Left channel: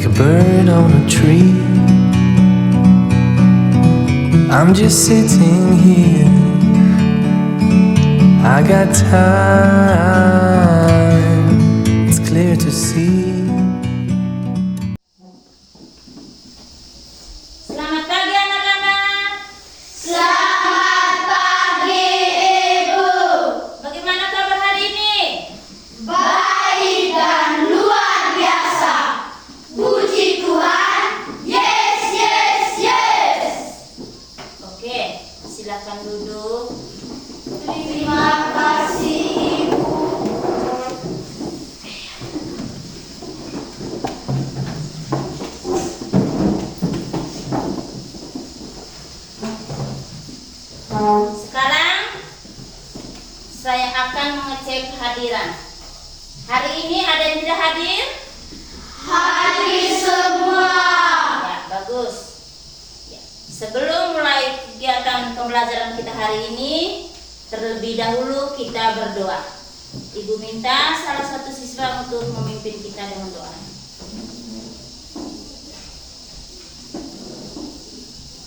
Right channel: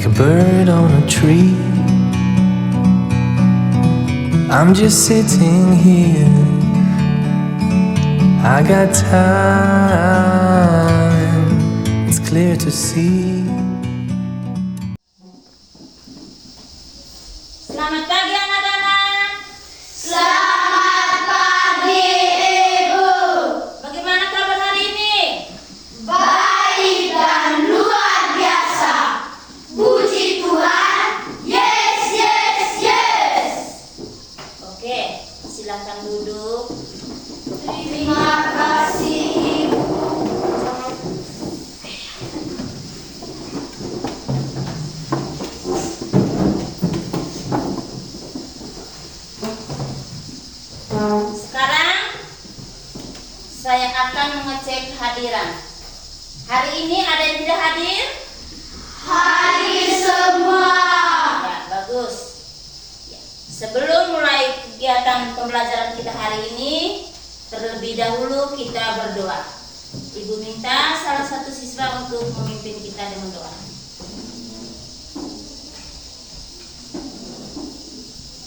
like a bird on a tree. I'm just sitting here, I got time, it's clear to see. Selamat pagi anak-anak. Selamat pagi Ibu. Bagaimana kabar hari ini? Baik dan luar biasa. Puji Tuhan. Yes, yes, yes. Oke, silakan duduk. Terima kasih Ibu. Sekarang saya akan mengecek kehadiran. Hari ini ada yang tidak hadir? Hadir semua. Ya, bagus. Ya. Sebelum mulai kegiatan pembelajaran kita hari ini, terlebih dahulu kita berdoa. Ibu minta salah satu siswa untuk memimpin kita dengan doa.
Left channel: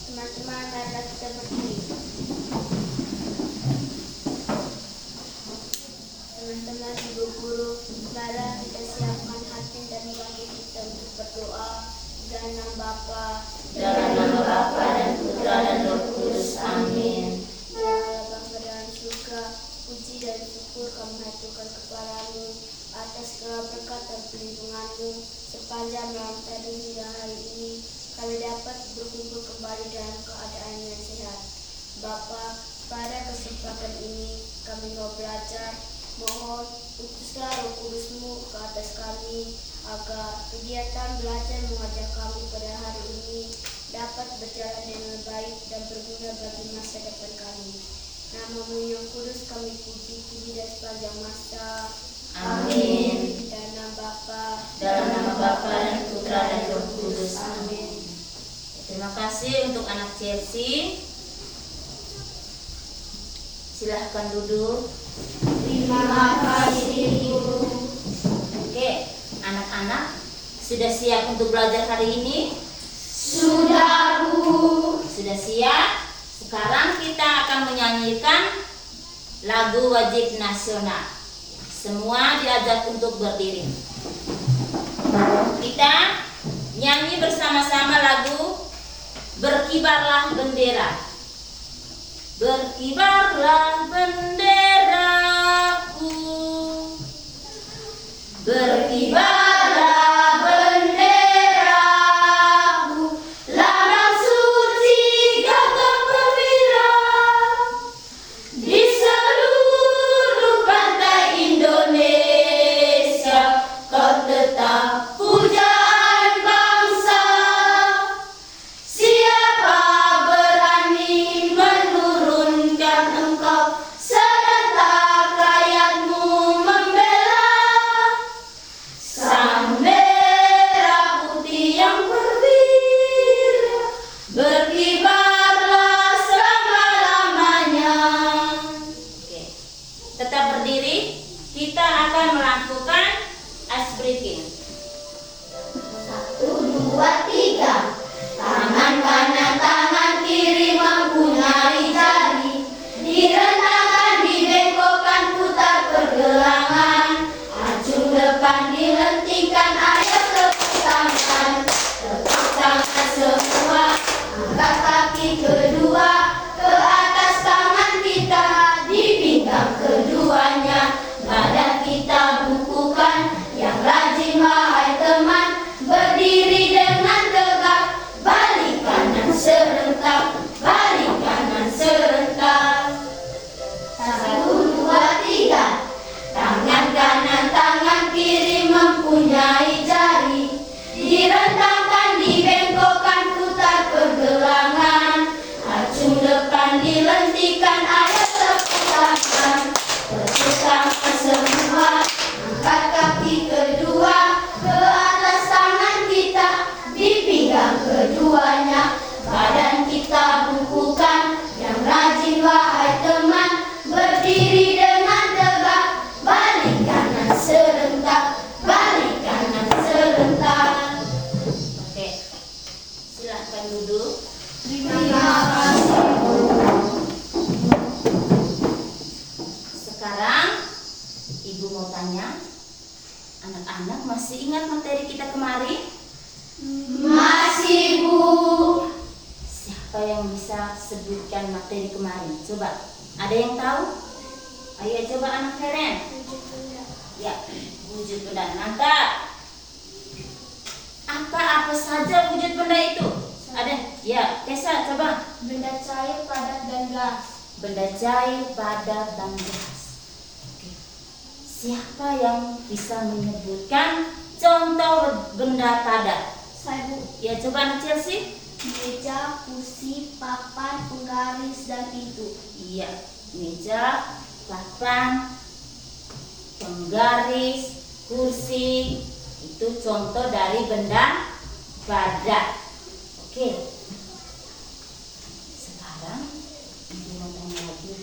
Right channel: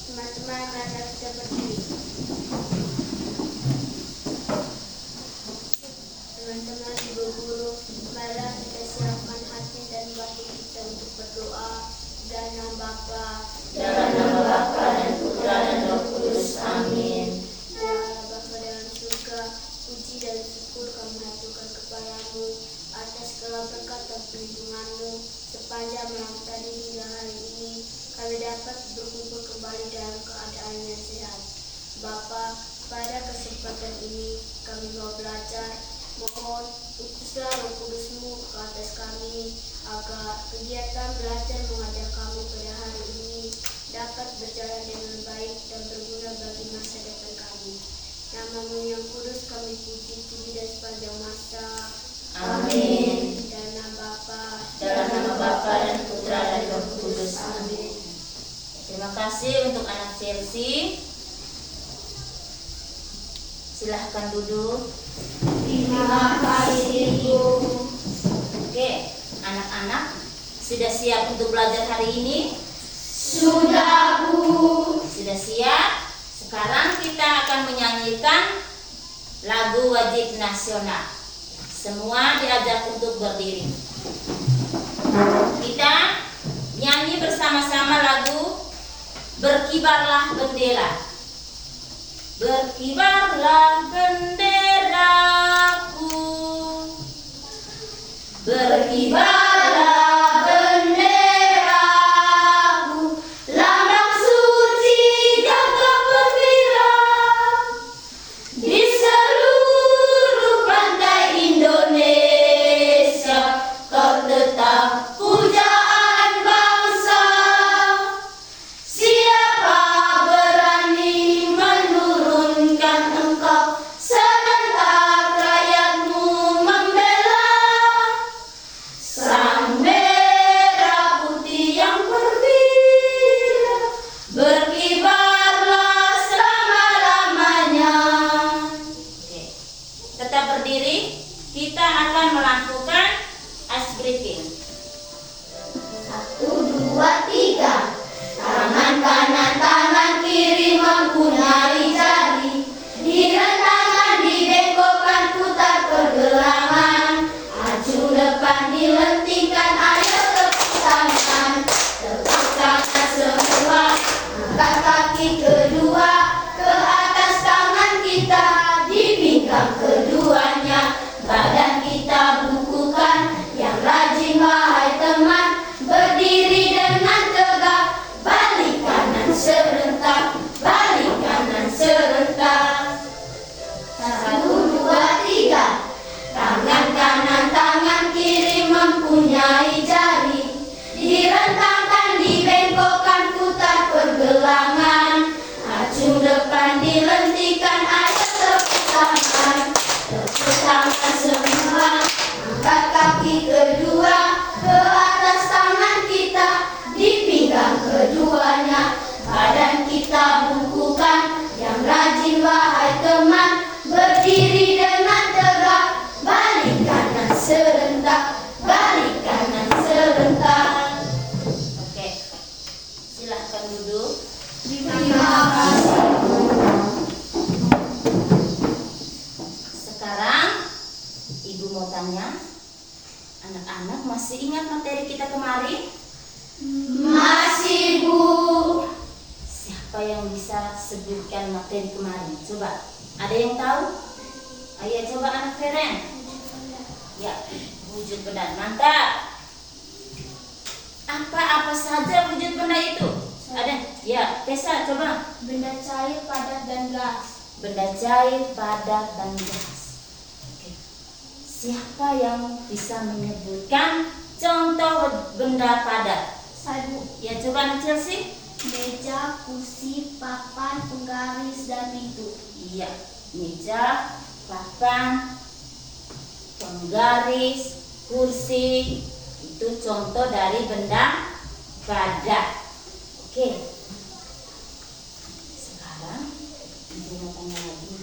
Teman-teman, mari kita berdiri. Teman-teman, ibu guru, marilah kita siapkan hati dan bagi kita untuk berdoa. Dalam nama Bapa, Dalam nama Bapa dan Putra dan Roh Kudus. Amin. Ya Allah Bapa dalam surga, puji dan syukur kami haturkan kepadamu atas segala berkat dan perlindunganmu sepanjang malam tadi hingga hari ini. Kami dapat berkumpul kembali dalam keadaan yang sehat. Bapa, pada kesempatan ini kami mau belajar. Mohon utuslah Roh Kudus-Mu ke atas kami agar kegiatan belajar mengajar kami pada hari ini dapat berjalan dengan baik dan berguna bagi masa depan kami. Nama-Mu yang kudus kami puji dan sepanjang masa. Amin. Dalam nama Bapa, Dalam nama Bapa dan Putra dan Roh Kudus. Amin. Terima kasih untuk anak Chelsea. Silahkan duduk. terima kasih Ibu. Oke, anak-anak sudah siap untuk belajar hari ini? Sudah Bu. Sudah siap? Sekarang kita akan menyanyikan lagu wajib nasional. Semua diajak untuk berdiri. Kita nyanyi bersama-sama lagu Berkibarlah Bendera. Berkibarlah benderaku, berkibarlah Benderaku, lambang suci gagah perwira di seluruh pantai Indonesia. Kau tetap pujaan bangsa. Siapa berani menurunkan engkau serentak rakyatmu membela? mau tanya, anak-anak masih ingat materi kita kemarin? Masih, Bu. Siapa yang bisa sebutkan materi kemarin? Coba, ada yang tahu? Ayo coba anak Feren. Ya, wujud benda. Mantap. Apa saja wujud benda itu? Ada? Ya, Tessa coba. Benda cair, padat, dan gas. Benda cair, padat, dan gas. Oke. Siapa yang bisa menyebutkan contoh benda padat? Saya, Bu. Ya, coba anak Chelsea. Meja, kursi, papan, penggaris, dan pintu. Iya, meja, papan, penggaris, kursi, itu contoh dari benda padat. Oke. Sekarang ibu mau tanya lagi,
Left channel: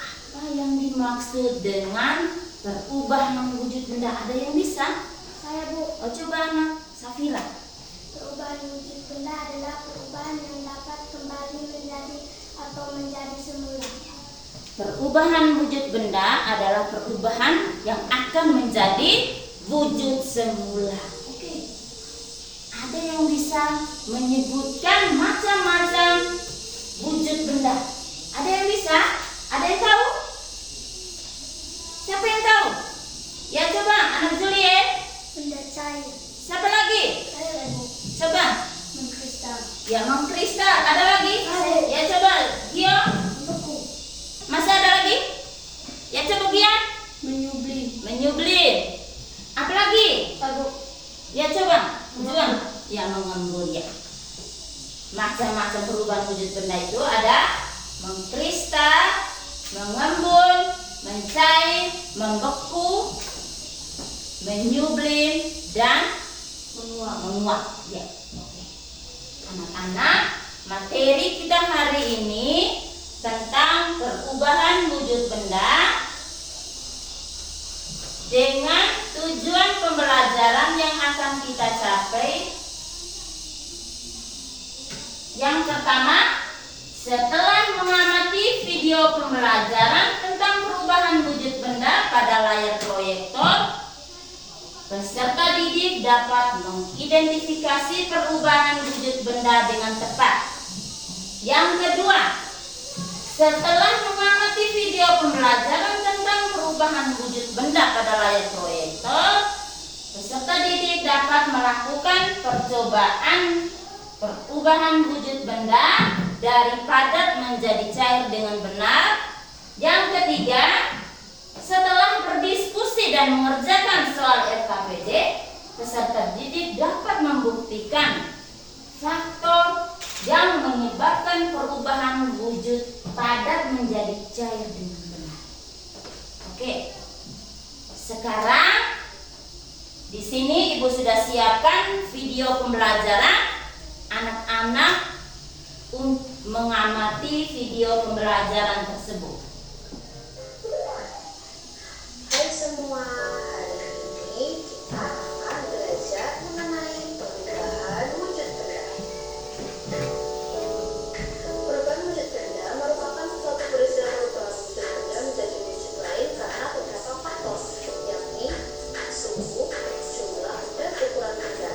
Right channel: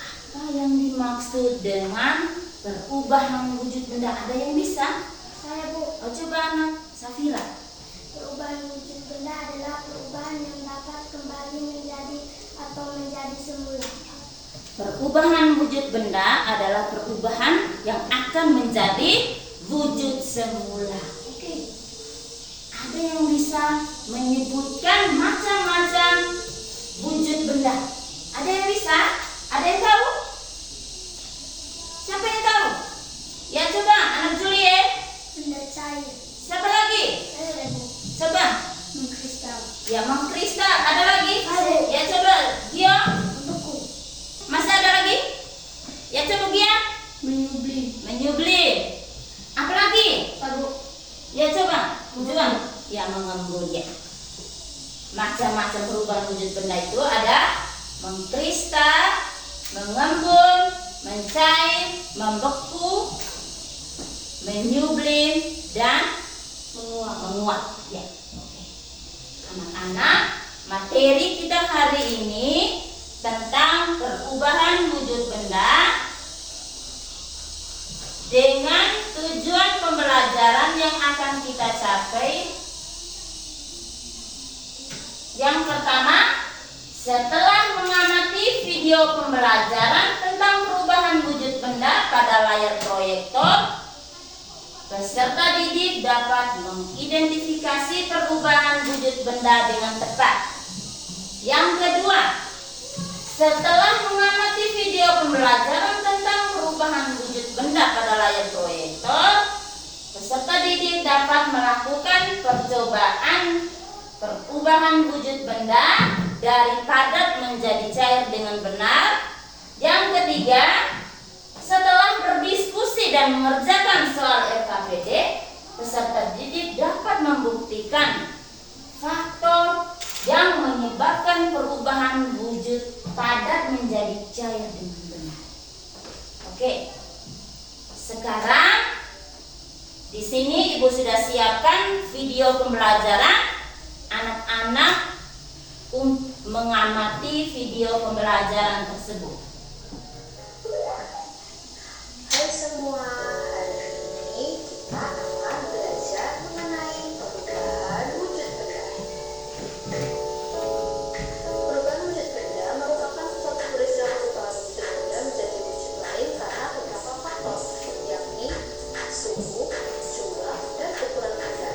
apa yang dimaksud dengan perubahan wujud benda? Ada yang bisa? Saya, Bu. Oh, coba anak Safira. Perubahan wujud benda adalah perubahan yang dapat kembali menjadi atau menjadi semula. Perubahan wujud benda adalah perubahan yang akan menjadi wujud semula. Oke. Ada yang bisa menyebutkan macam-macam wujud benda? Ada yang bisa? Ada yang tahu? Siapa yang tahu? Ya coba anak Juliet. Benda cair. Siapa lagi? Saya, Bu. Coba. Mengkristal. Ya mengkristal. Ada lagi? Ada. Ya coba Gio. Beku. Masih ada lagi? Ya coba Gian. Menyublim. Menyublim. Apa lagi? Tabu. Ya coba. Juga. Ya mengembun ya. Macam-macam perubahan wujud benda itu ada mengkristal, mengembun, mencair, membeku, menyublim, dan menguap. Ya. Oke. Anak-anak, materi kita hari ini tentang perubahan wujud benda dengan tujuan pembelajaran yang akan kita capai. Yang pertama, setelah mengamati video pembelajaran tentang perubahan wujud benda pada layar proyektor, peserta didik dapat mengidentifikasi perubahan wujud benda dengan tepat. Yang kedua, setelah mengamati video pembelajaran tentang perubahan wujud benda pada layar proyektor, peserta didik dapat melakukan percobaan perubahan wujud benda dari padat menjadi cair dengan benar. Yang ketiga, setelah berdiskusi dan mengerjakan soal RKPD, peserta didik dapat membuktikan faktor yang menyebabkan perubahan wujud padat menjadi cair dengan benar. Oke. Sekarang di sini Ibu sudah siapkan video pembelajaran. Anak-anak mengamati video pembelajaran tersebut. Hai semua, hari ini kita akan belajar mengenai perubahan wujud benda. Perubahan wujud benda merupakan suatu peristiwa perubahan wujud benda menjadi wujud lain karena beberapa faktor, yakni suhu, jumlah, dan ukuran benda.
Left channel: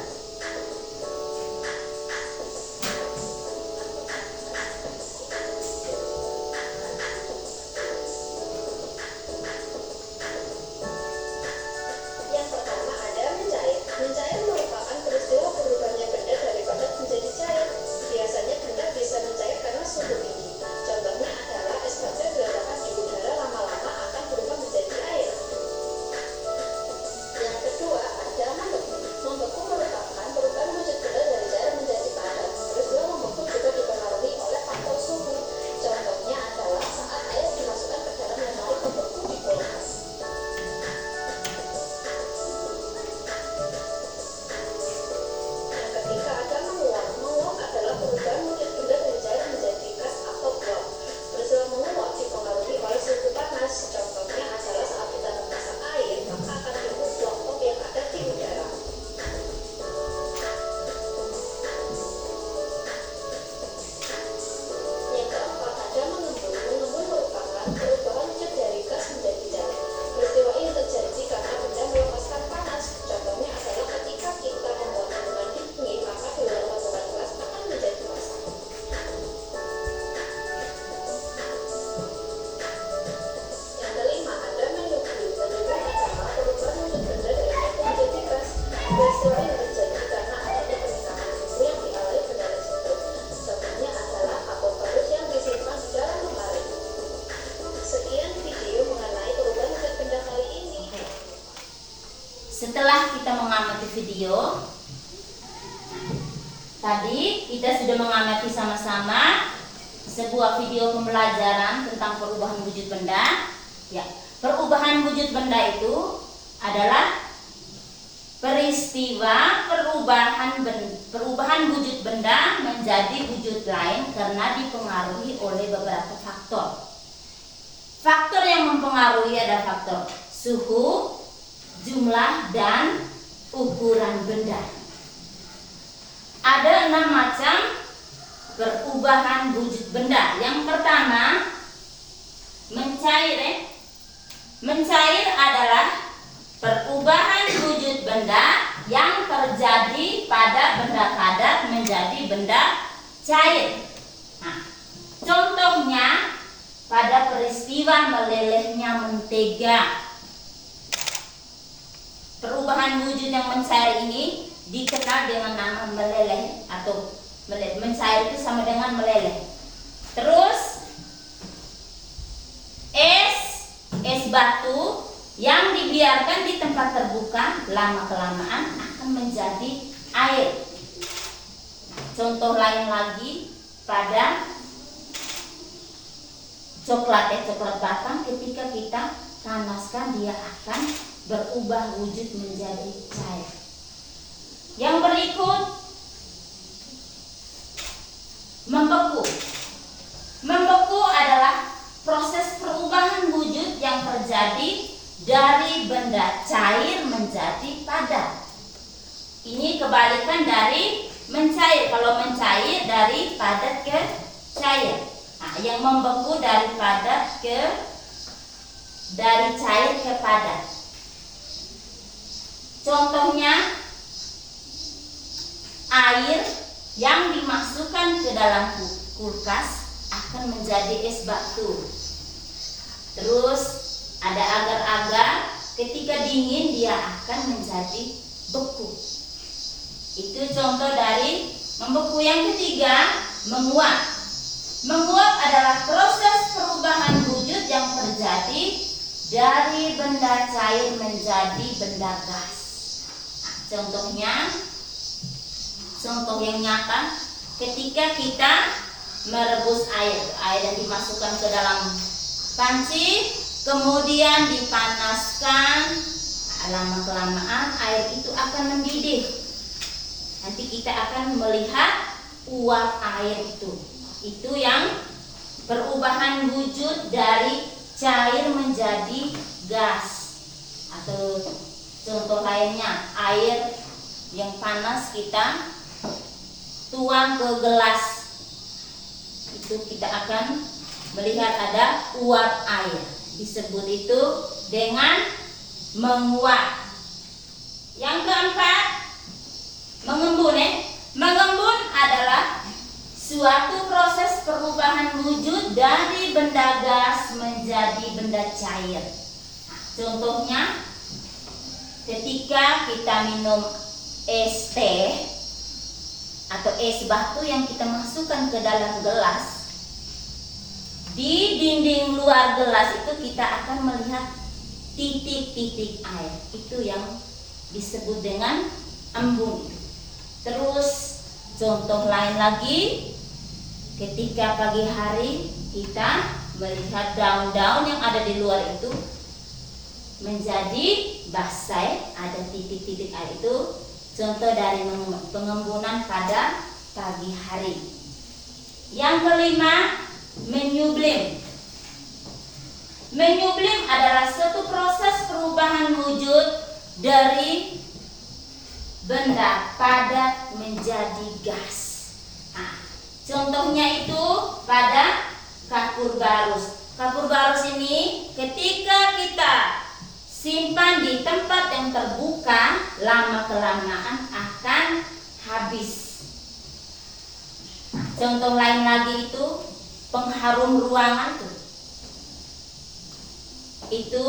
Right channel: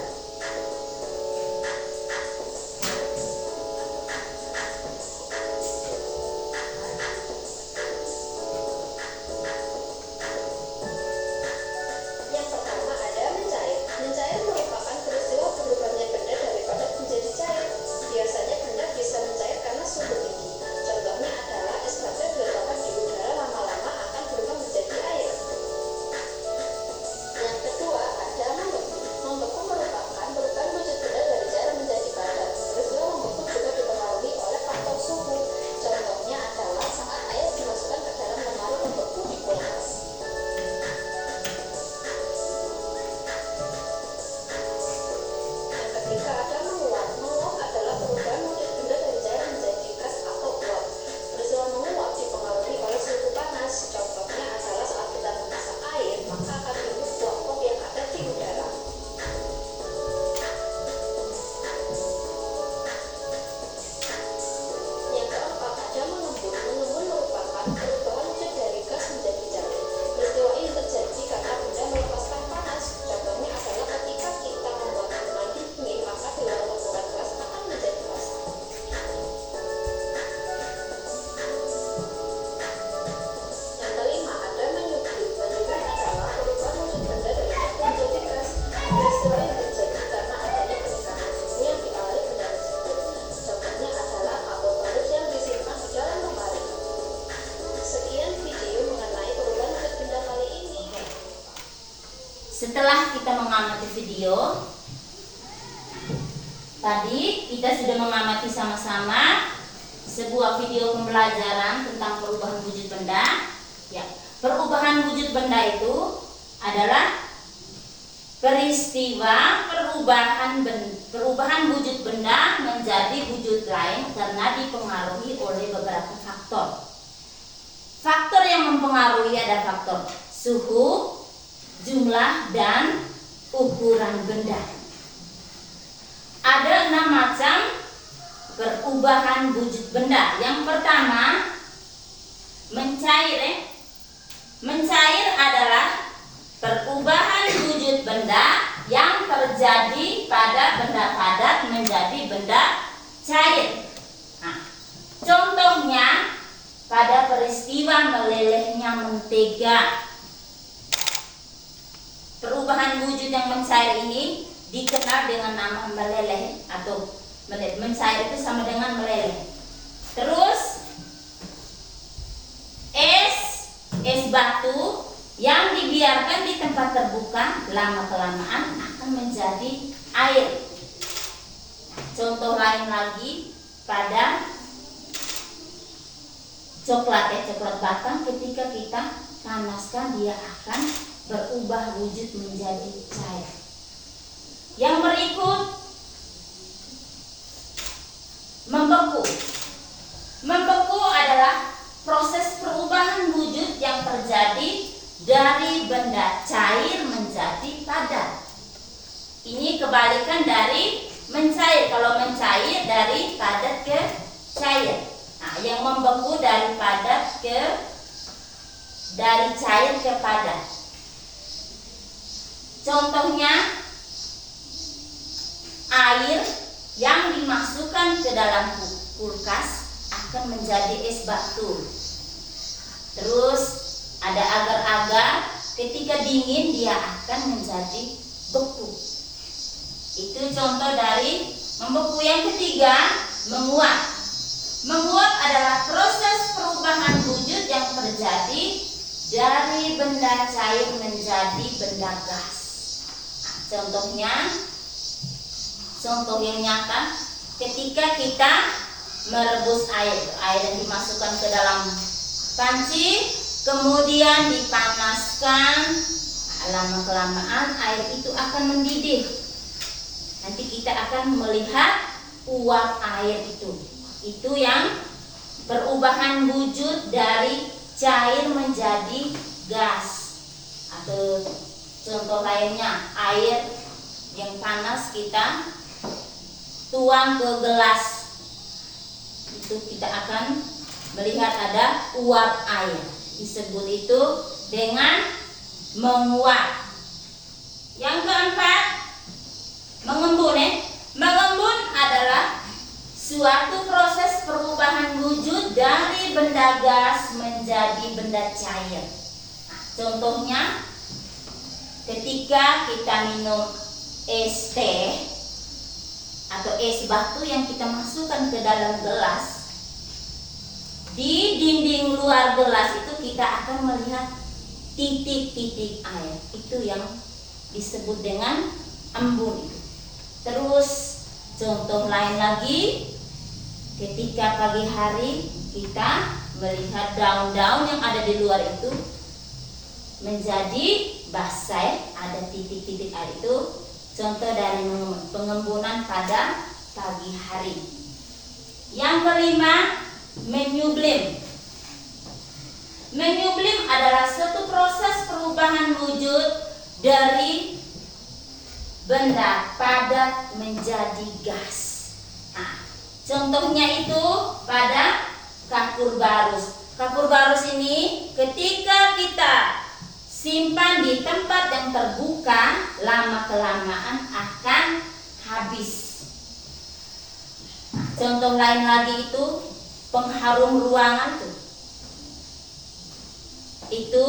setelah kita mengamati video tadi, kita sudah mengamati sama-sama sebuah video pembelajaran tentang perubahan wujud benda. Ya, perubahan wujud benda itu adalah peristiwa perubahan wujud benda menjadi wujud lain karena dipengaruhi oleh beberapa faktor. Faktor yang mempengaruhi ada faktor suhu, jumlah, dan ukuran benda. Ada 6 macam perubahan wujud benda. Yang pertama, mencair. Mencair adalah perubahan wujud benda yang terjadi pada benda padat menjadi benda cair. Nah, contohnya pada peristiwa melelehnya mentega. Perubahan wujud yang mencair ini dikenal dengan nama meleleh atau mencair itu sama dengan meleleh. Terus es batu yang dibiarkan di tempat terbuka lama-kelamaan akan menjadi air. Contoh lain lagi pada coklat batang, ketika kita panaskan dia akan berubah wujud menjadi cair. Yang berikut, membeku. Membeku adalah proses perubahan wujud yang terjadi dari benda cair menjadi padat. Ini kebalikan dari mencair. Kalau mencair dari padat ke cair. Nah, yang membeku dari cair ke padat. Contohnya air yang dimasukkan ke dalam kulkas akan menjadi es batu. Terus ada agar-agar ketika dingin dia akan menjadi beku. Itu contoh dari membeku. Yang ketiga, menguap. Menguap adalah proses perubahan wujud yang terjadi dari benda cair menjadi benda gas. Contohnya, contoh yang nyata, ketika kita merebus air yang dimasukkan ke dalam panci, kemudian dipanaskan, lama-kelamaan air itu akan mendidih. Nanti kita akan melihat uap air itu. Itu yang perubahan wujud dari cair menjadi gas. Atau contoh lainnya, air yang panas kita tuang ke gelas, itu kita akan melihat ada uap air. Disebut itu dengan menguap. Yang keempat, mengembun. Mengembun adalah suatu proses perubahan wujud dari benda gas menjadi benda cair. Nah, contohnya ketika kita minum es teh atau es batu yang kita masukkan ke dalam gelas, di dinding luar gelas itu kita akan melihat titik-titik air. Itu yang disebut dengan embun. Terus contoh lain lagi, ketika pagi hari kita melihat daun-daun yang ada di luar itu menjadi basah, ada titik-titik air. Itu contoh dari pengembunan pada pagi hari. Yang kelima, menyublim. Menyublim adalah suatu proses perubahan wujud dari benda padat menjadi gas. Nah, contohnya itu pada kapur barus. Kapur barus ini ketika kita simpan di tempat yang terbuka, lama-kelamaan akan habis. Contoh lain lagi itu pengharum ruangan itu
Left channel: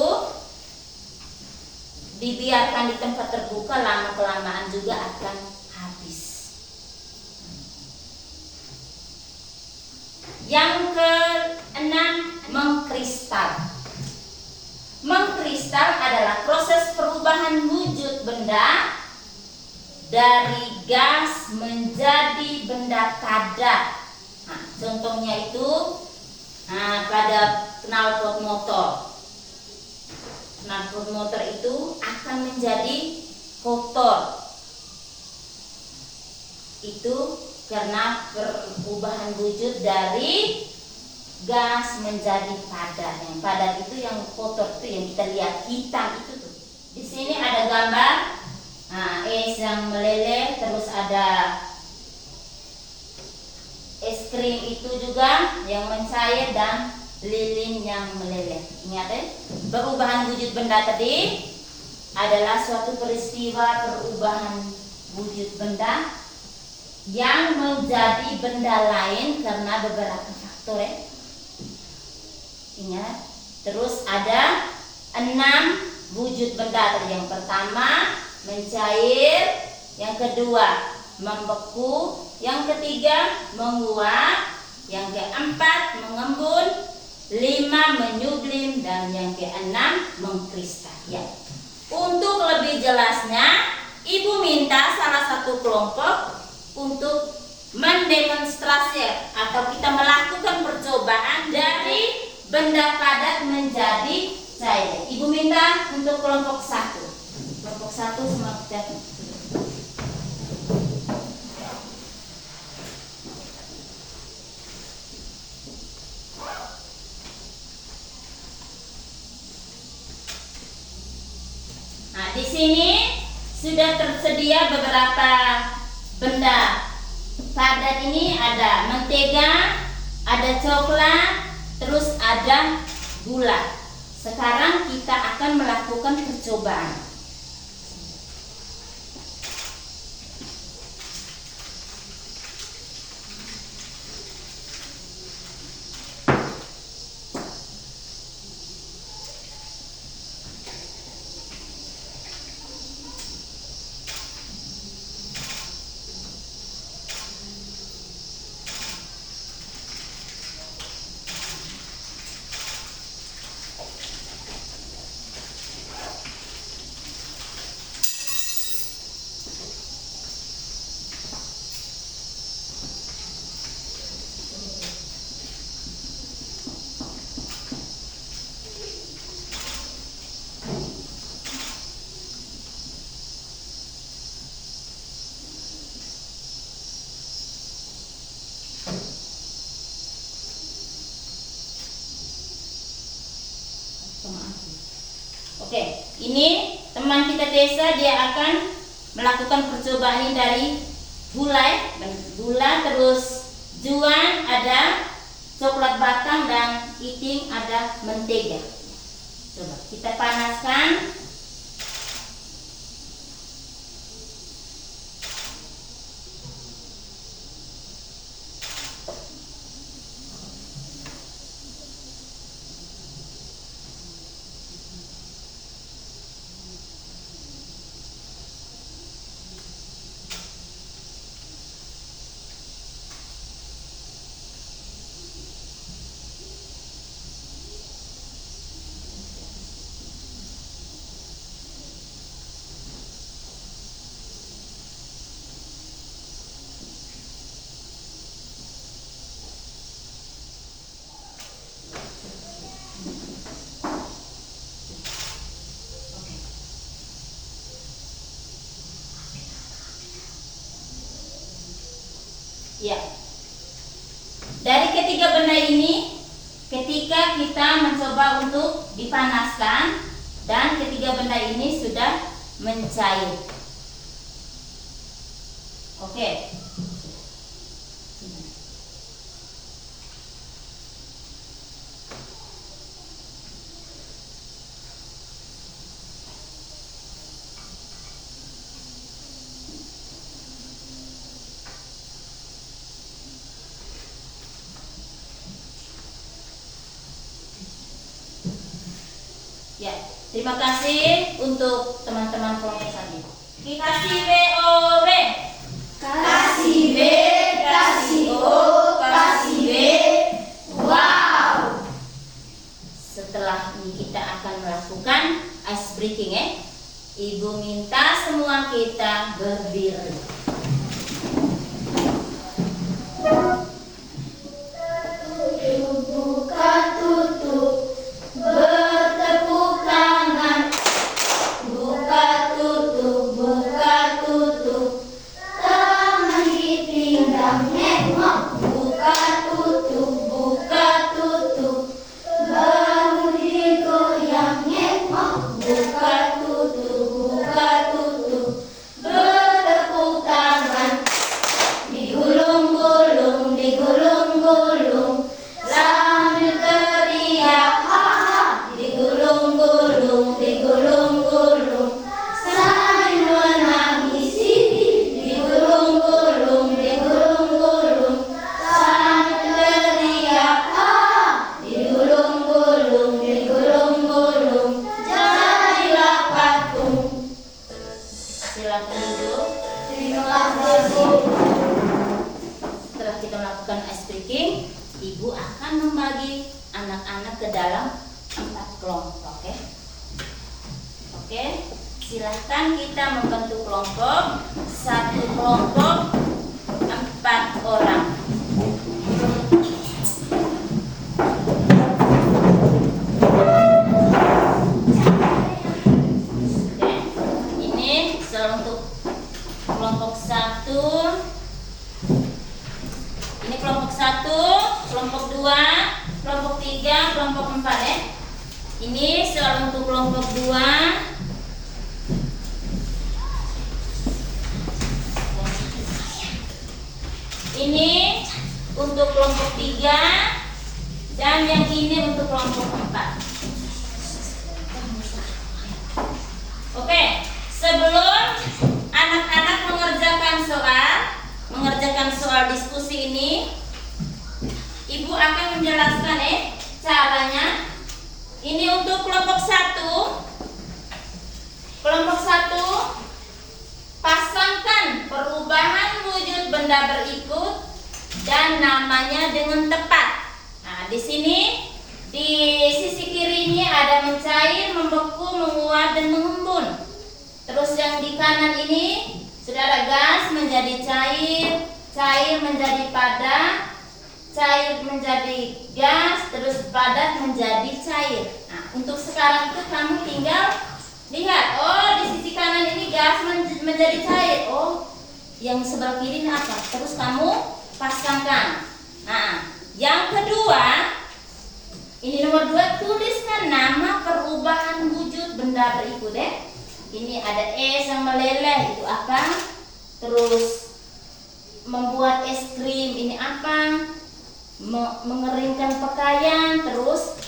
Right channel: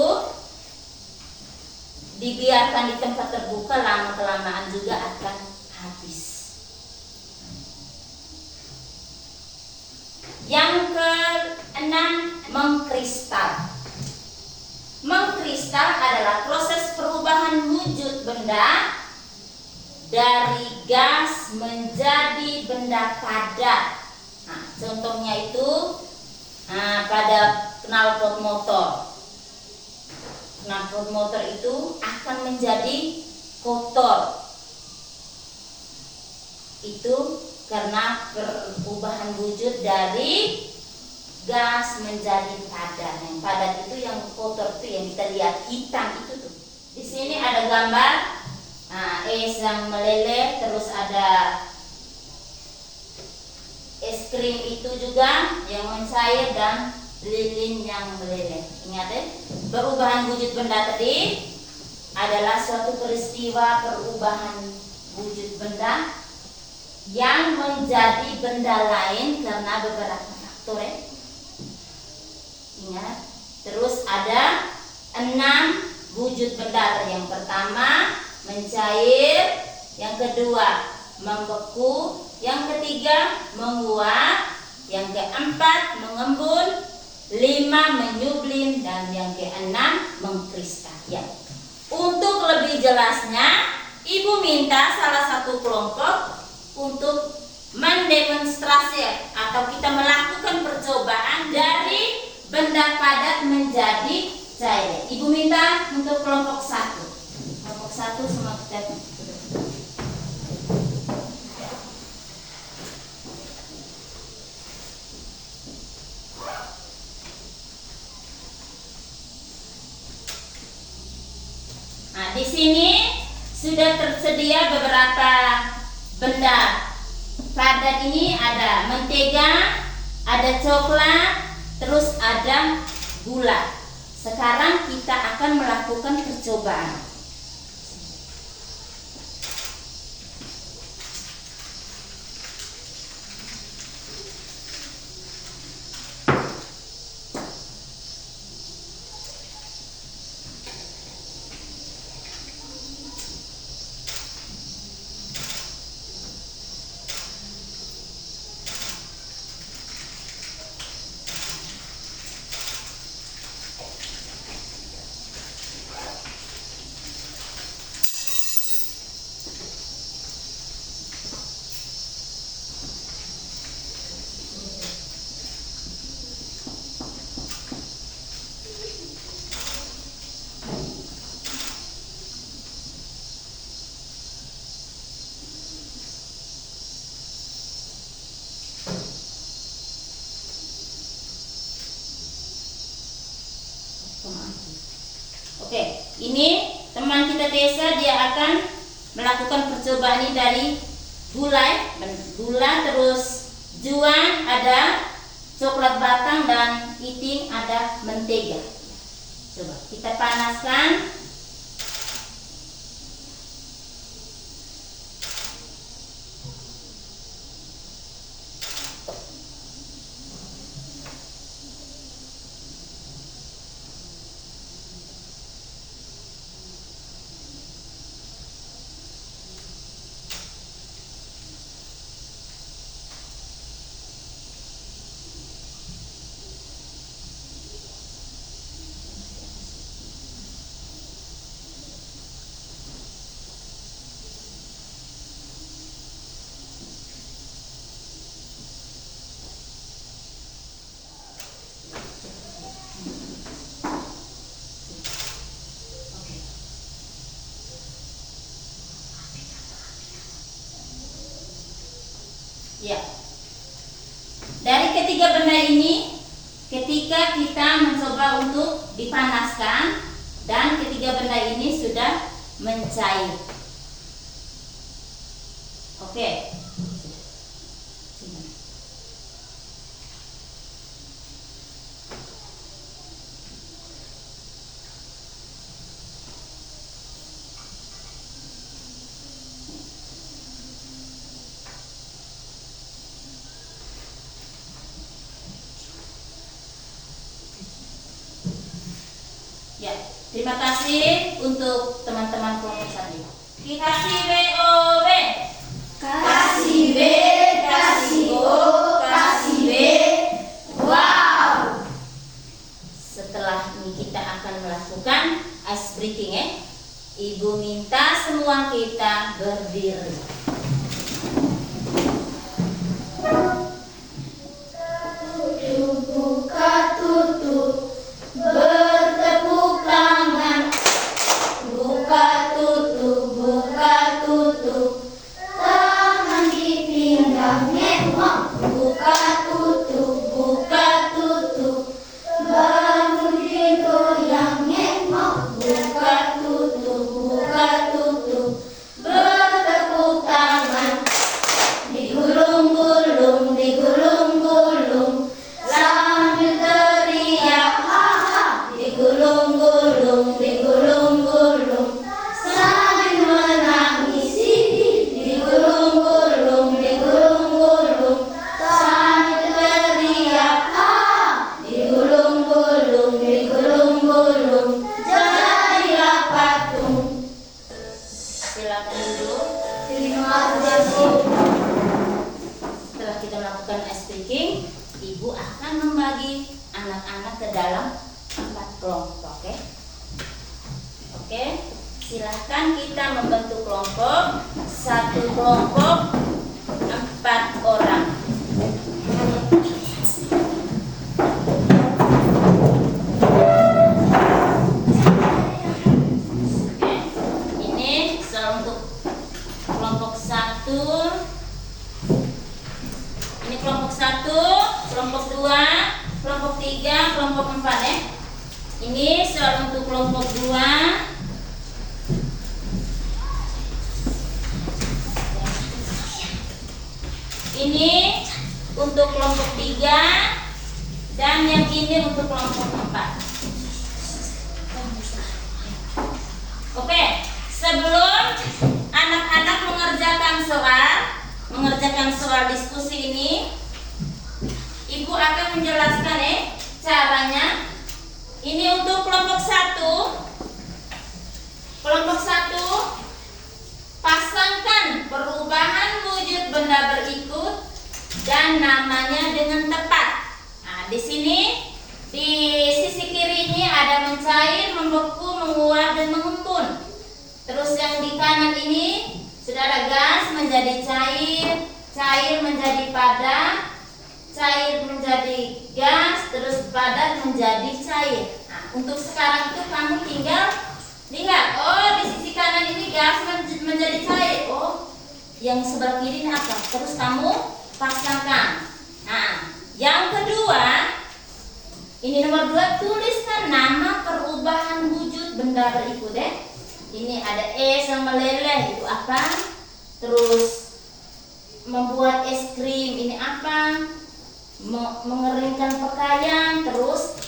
dibiarkan di tempat terbuka, lama-kelamaan juga akan habis. Yang keenam, mengkristal. Mengkristal adalah proses perubahan wujud benda dari gas menjadi benda padat. Nah, contohnya itu pada knalpot motor. Knalpot motor itu akan menjadi kotor. Itu karena perubahan wujud dari gas menjadi padat. Yang padat itu yang kotor itu yang kita lihat hitam itu tuh. Di sini ada gambar es yang meleleh, terus ada es krim itu juga yang mencair dan lilin yang meleleh. Ingat ya, perubahan wujud benda tadi adalah suatu peristiwa perubahan wujud benda yang menjadi benda lain karena beberapa faktor ya. Ingat. Terus ada 6 wujud benda. Yang pertama mencair, yang kedua membeku, yang ketiga menguap, yang keempat mengembun, 5 menyublim, dan yang keenam mengkristal. Ya. Untuk lebih jelasnya, Ibu minta salah satu kelompok untuk mendemonstrasi atau kita melakukan percobaan dari benda padat menjadi cair. Ibu minta untuk kelompok 1. Kelompok 1 semua kita. Nah, di sini sudah tersedia beberapa benda padat. Ini ada mentega, ada coklat, terus ada gula. Sekarang kita akan melakukan percobaan. Oke, ini teman kita desa dia akan melakukan percobaan ini dari gula, terus juan, ada coklat batang, dan iting ada mentega. Coba kita panaskan. Ya. Dari ketiga benda ini, ketika kita mencoba untuk dipanaskan dan ketiga benda ini sudah mencair. Oke. Ya, terima kasih untuk teman-teman kelompok tadi. Kita kasih WOW. Kasih B, kasih O, kasih B. Wow. Setelah ini kita akan melakukan ice breaking ya. Ibu minta semua kita berdiri. Buka tutup, bertepuk tangan. Buka tutup, tangan di pinggang nengok. Buka tutup, bangun digoyang nengok. Buka tutup, bertepuk tangan. Digulung-gulung, sambil teriak ha-ha. Digulung-gulung, sambil menangisi. Digulung-gulung, sambil teriak ha-ha. Digulung-gulung, jadilah patung. Silakan duduk. Terima kasih. Setelah kita melakukan ice breaking, ibu akan membagi anak-anak ke dalam 4 kelompok, oke? Oke, silakan kita membentuk kelompok. Satu kelompok 4 orang. Oke, ini untuk kelompok 1. Ini kelompok 1, kelompok 2, kelompok 3, kelompok 4 ya. Ini soal untuk kelompok 2. Ini untuk kelompok 3 dan yang ini untuk kelompok 4. Oke, sebelum anak-anak mengerjakan soal diskusi ini, ibu akan menjelaskan caranya. Ini untuk kelompok 1. Kelompok 1, pasangkan perubahan wujud benda berikut dan namanya dengan tepat. Nah, di sini di sisi kiri ini ada mencair, membeku, menguap dan mengembun. Terus yang di kanan ini sudah ada gas menjadi cair, cair menjadi padat, cair menjadi gas, terus padat menjadi cair. Nah, untuk sekarang itu kamu tinggal lihat, oh di sisi kanan ini gas menjadi cair, oh yang sebelah kiri ini apa? Terus kamu pasangkan. Nah, yang kedua, ini nomor 2, tuliskan nama perubahan wujud benda berikut ya. Ini ada es yang meleleh, itu apa? Terus membuat es krim, ini apa? Mengeringkan pakaian, terus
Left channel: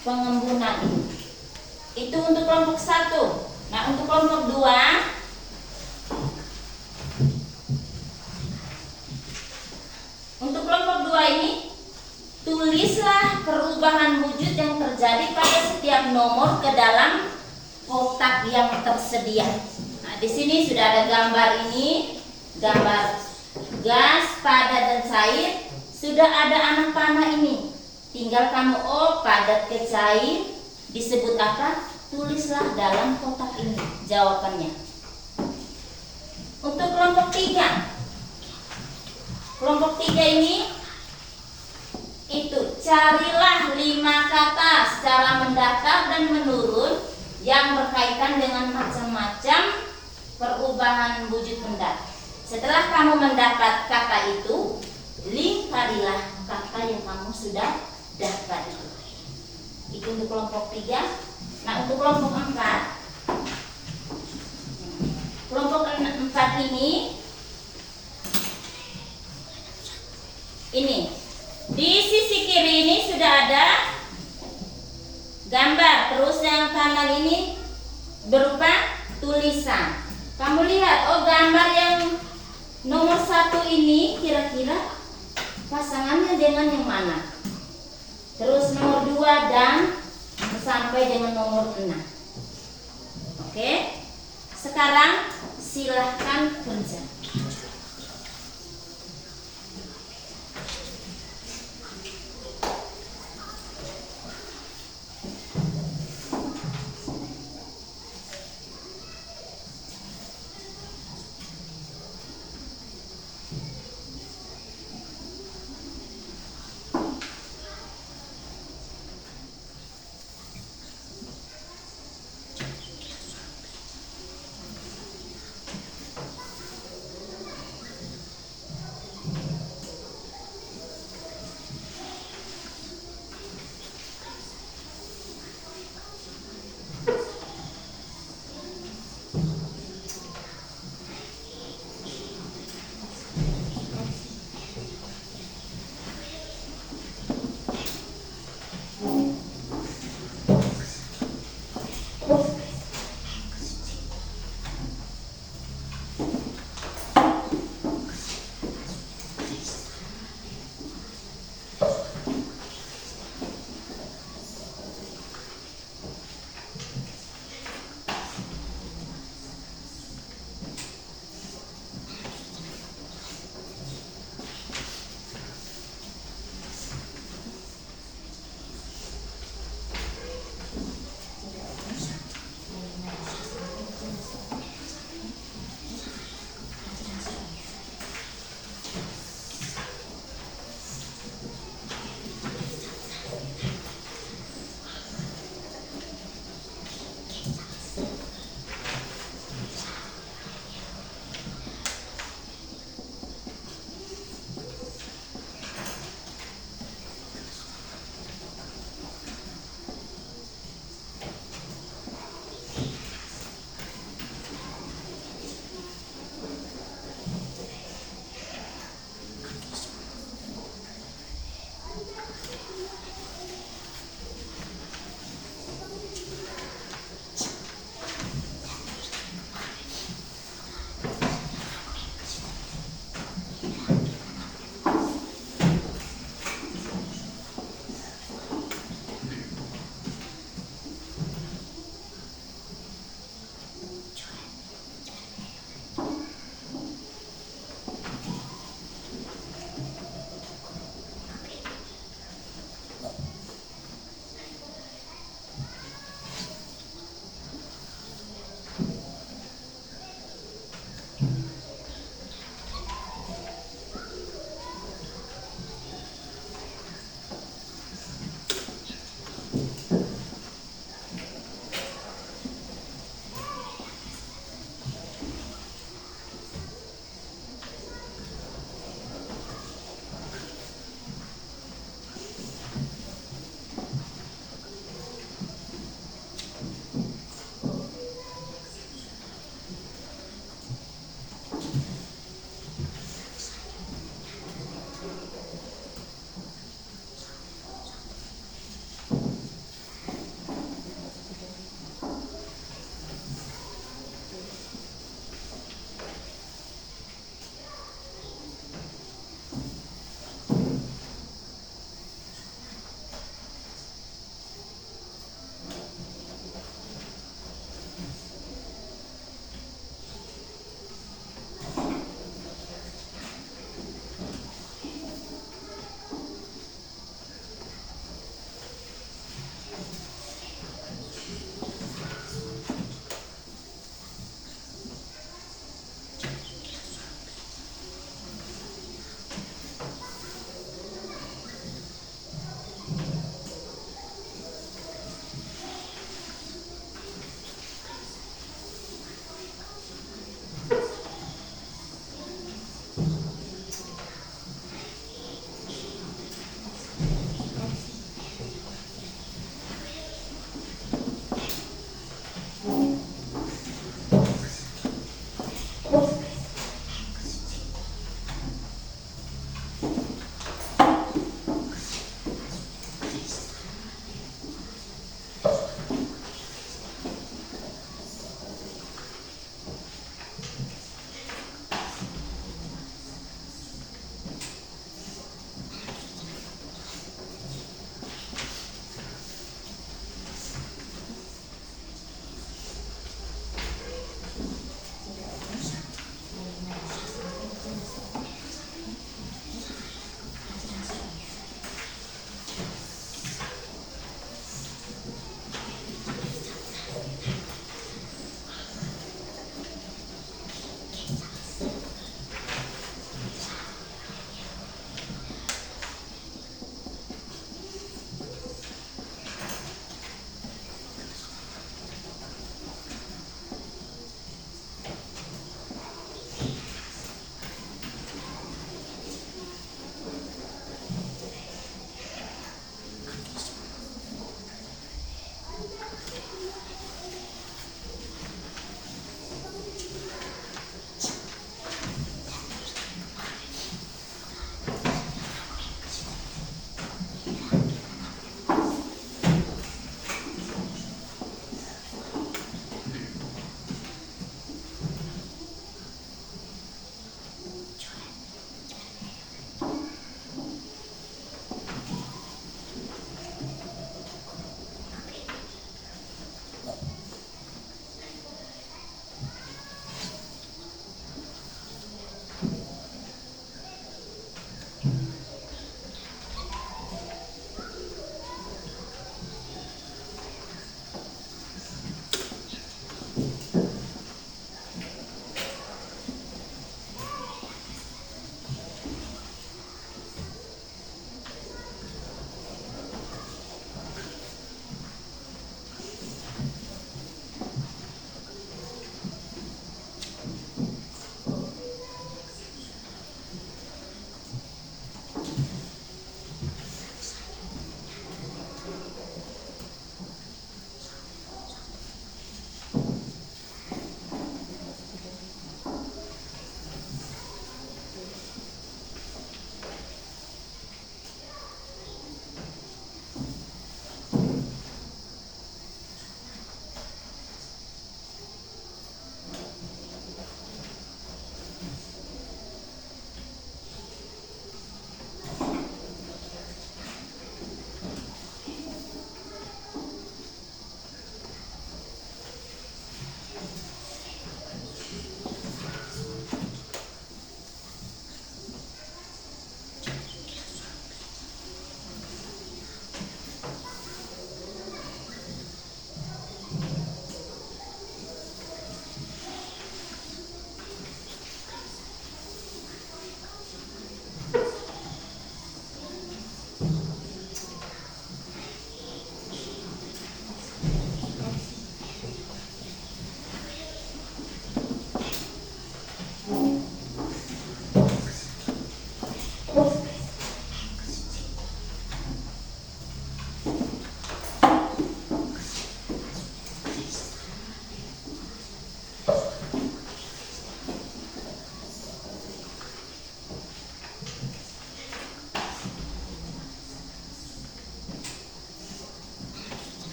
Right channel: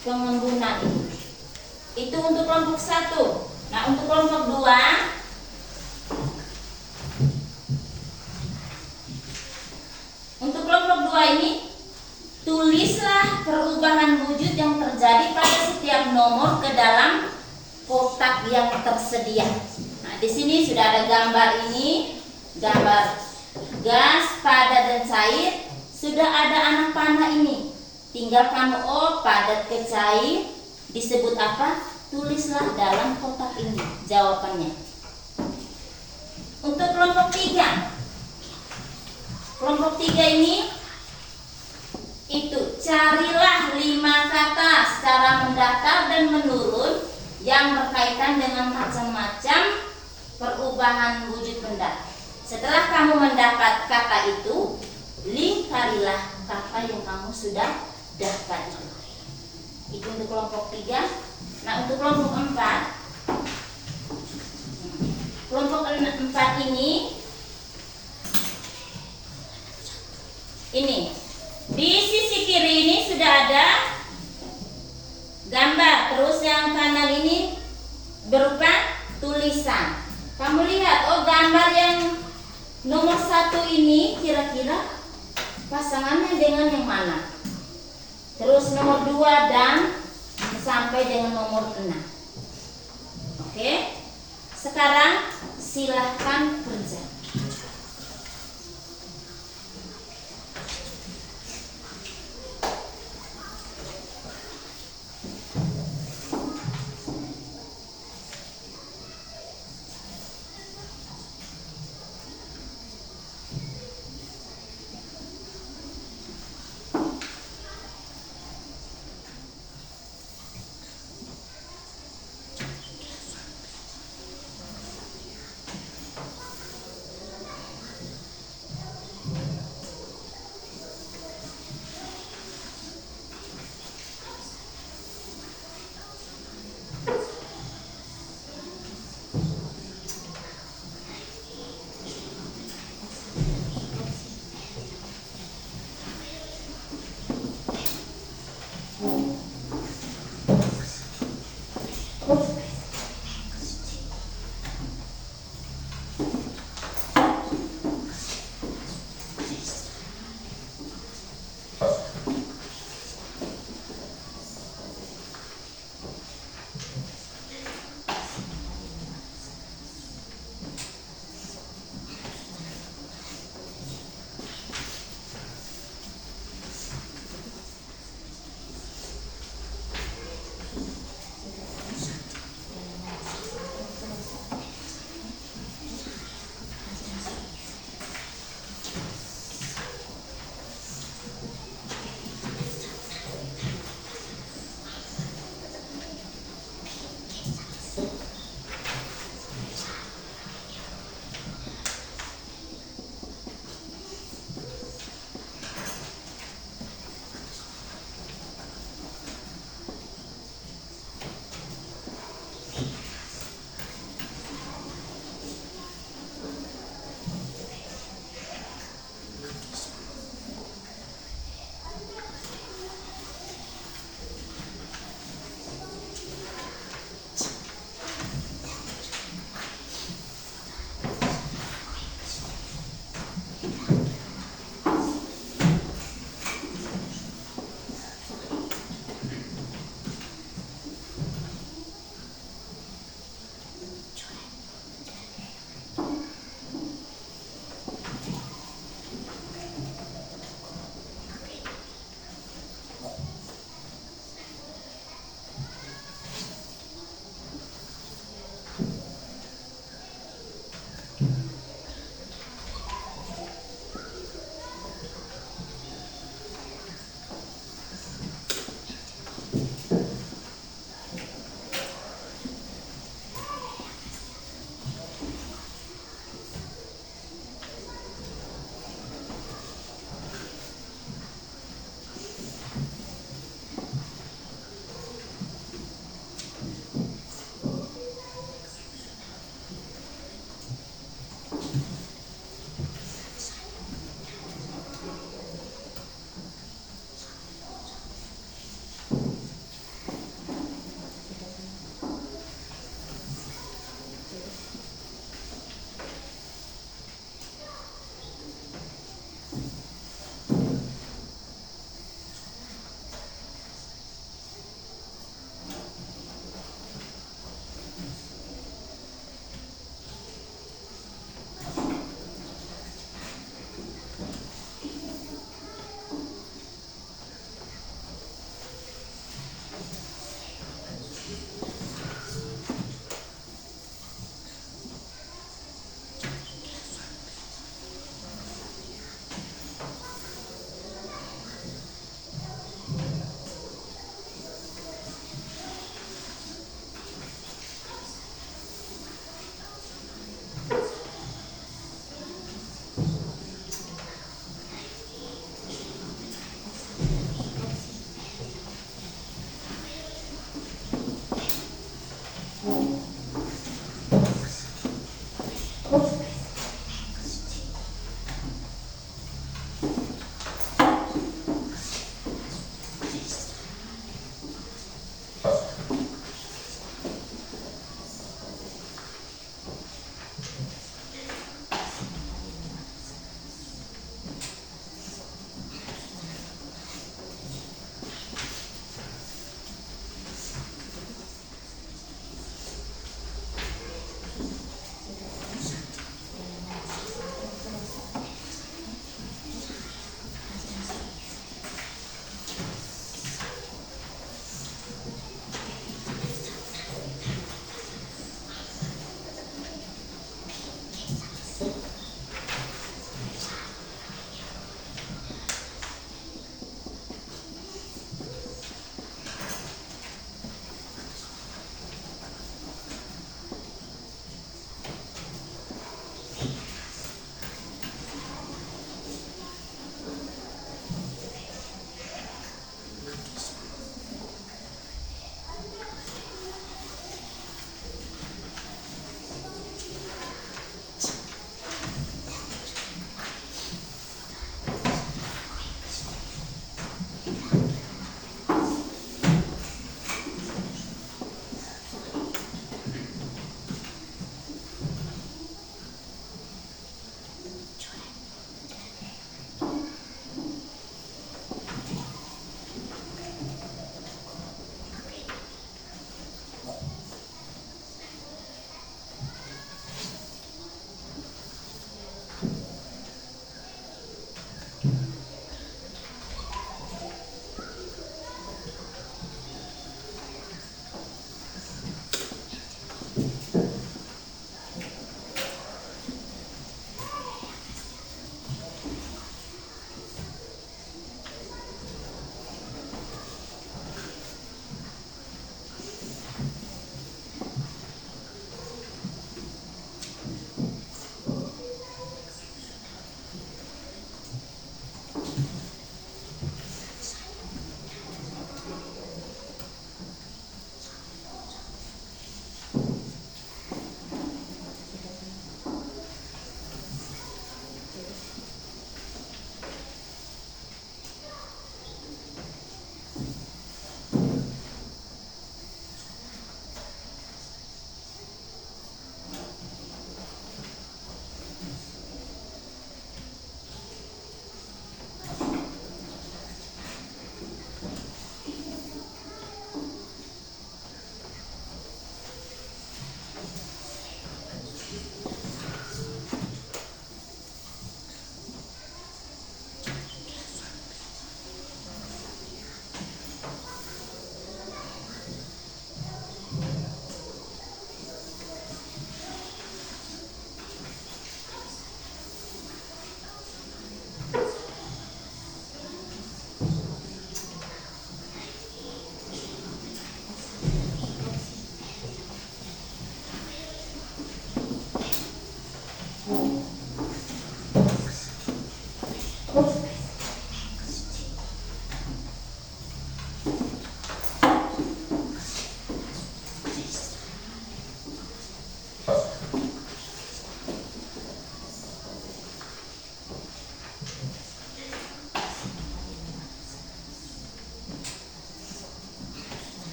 pengembunan ini. Itu untuk kelompok 1. Nah, untuk kelompok 2, untuk kelompok 2 ini tulislah perubahan wujud yang terjadi pada setiap nomor ke dalam kotak yang tersedia. Nah, di sini sudah ada gambar ini, gambar gas, padat dan cair. Sudah ada anak panah ini. Tinggal kamu padat ke cair disebut apa? Tulislah dalam kotak ini jawabannya. Untuk kelompok 3. Kelompok 3 ini itu carilah 5 kata secara mendatar dan menurun yang berkaitan dengan macam-macam perubahan wujud benda. Setelah kamu mendapat kata itu, lingkarilah kata yang kamu sudah dapat itu. Itu untuk kelompok 3. Nah, untuk kelompok 4. Kelompok 4 ini di sisi kiri ini sudah ada gambar, terus yang kanan ini berupa tulisan. Kamu lihat, oh gambar yang nomor 1 ini kira-kira pasangannya dengan yang mana? Terus nomor 2 dan sampai dengan nomor 6. Oke. Sekarang silahkan kerja.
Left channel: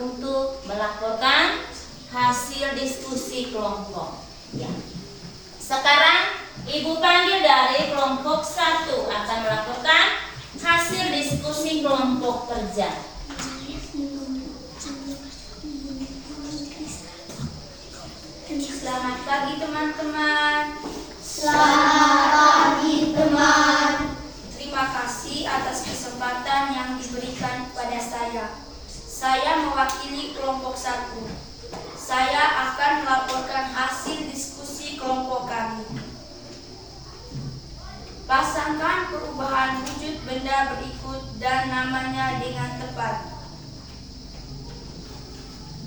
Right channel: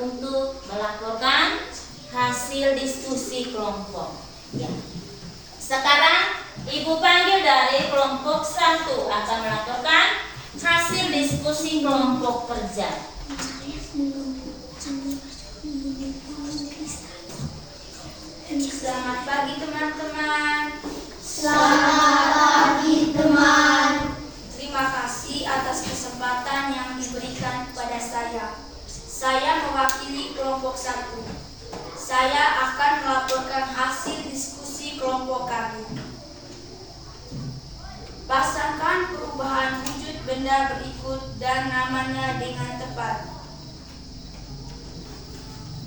untuk melaporkan hasil diskusi kelompok. Ya. Sekarang Ibu panggil dari kelompok 1 akan melaporkan hasil diskusi kelompok kerja. Selamat pagi teman-teman. Selamat pagi teman. Terima kasih atas kesempatan yang diberikan kepada saya. Saya mewakili kelompok 1. Saya akan melaporkan hasil diskusi kelompok kami. Pasangkan perubahan wujud benda berikut dan namanya dengan tepat.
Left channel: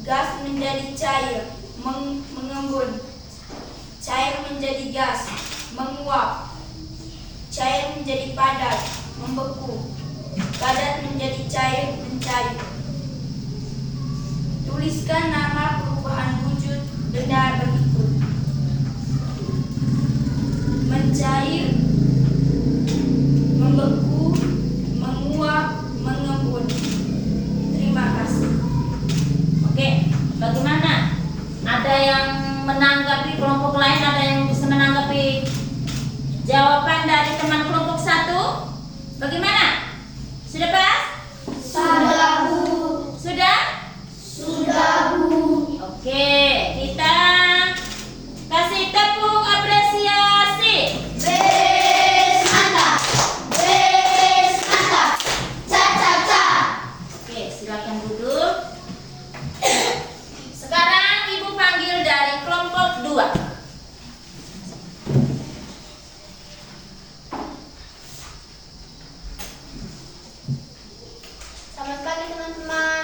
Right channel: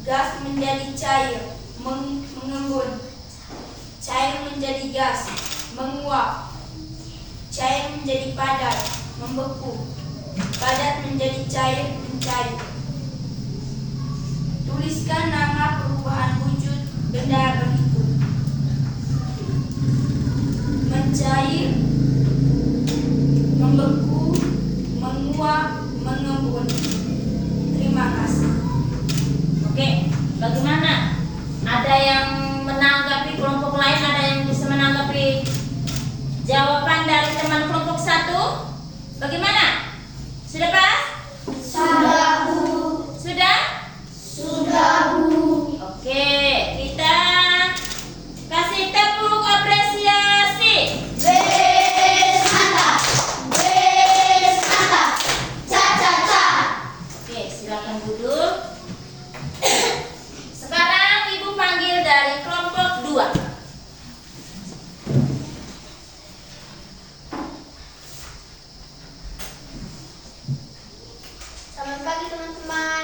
Gas menjadi cair, mengembun. Cair menjadi gas, menguap. Cair menjadi padat, membeku. Padat menjadi cair, mencair. Tuliskan nama perubahan wujud benda berikut. Mencair, membeku, menguap, mengembun. Terima kasih. Oke, bagaimana? Ada yang menanggapi kelompok lain? Ada yang bisa menanggapi jawaban dari teman kelompok 1? Bagaimana? Sudah pas? Sudah, Bu. Sudah? Sudah, Bu. Oke, kita kasih tepuk apresiasi. Beres mantap. Beres mantap. Ca. Oke, silakan duduk. Sekarang Ibu panggil dari kelompok 2. Selamat pagi teman-teman.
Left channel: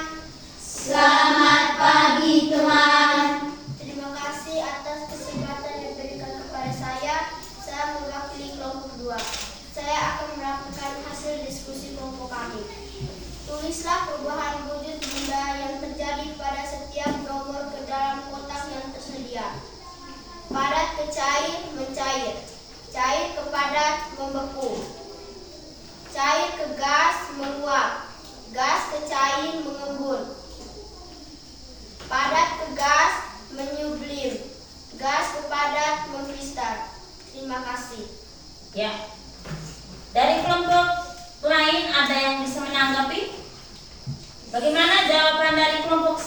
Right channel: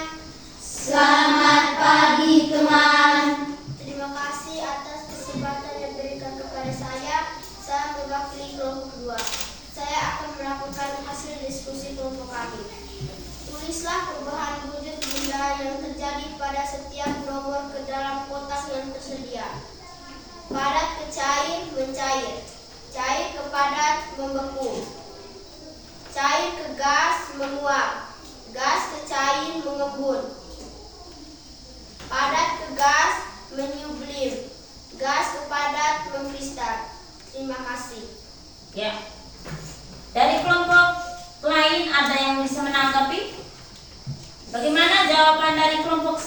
Selamat pagi teman. Terima kasih atas kesempatan yang diberikan kepada saya. Saya mewakili kelompok 2. Saya akan melakukan hasil diskusi kelompok kami. Tulislah perubahan wujud benda yang terjadi pada setiap nomor ke dalam kotak yang tersedia. Padat ke cair, mencair. Cair ke padat, membeku. Cair ke gas, menguap. Gas ke cair, mengembun. Padat ke gas, menyublim. Gas ke padat, mengkristal. Terima kasih. Ya. Dari kelompok lain ada yang bisa menanggapi? Bagaimana jawaban dari kelompok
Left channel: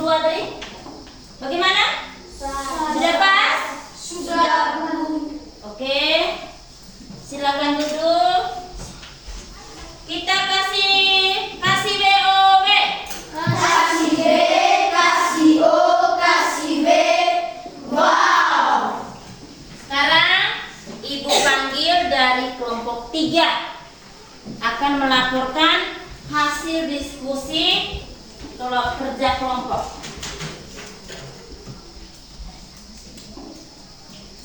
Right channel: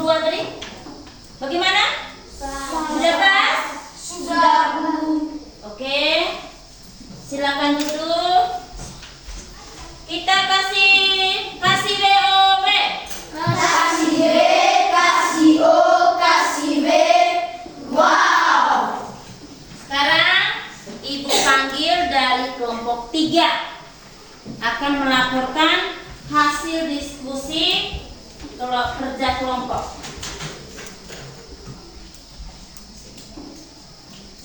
2 tadi? Bagaimana? Sudah pas? Sudah, Bu. Oke. Silakan duduk. Kita kasih BOB. Kasih B, kasih O, kasih B. Wow. Sekarang Ibu panggil dari kelompok 3 akan melaporkan hasil diskusi kerja kelompok.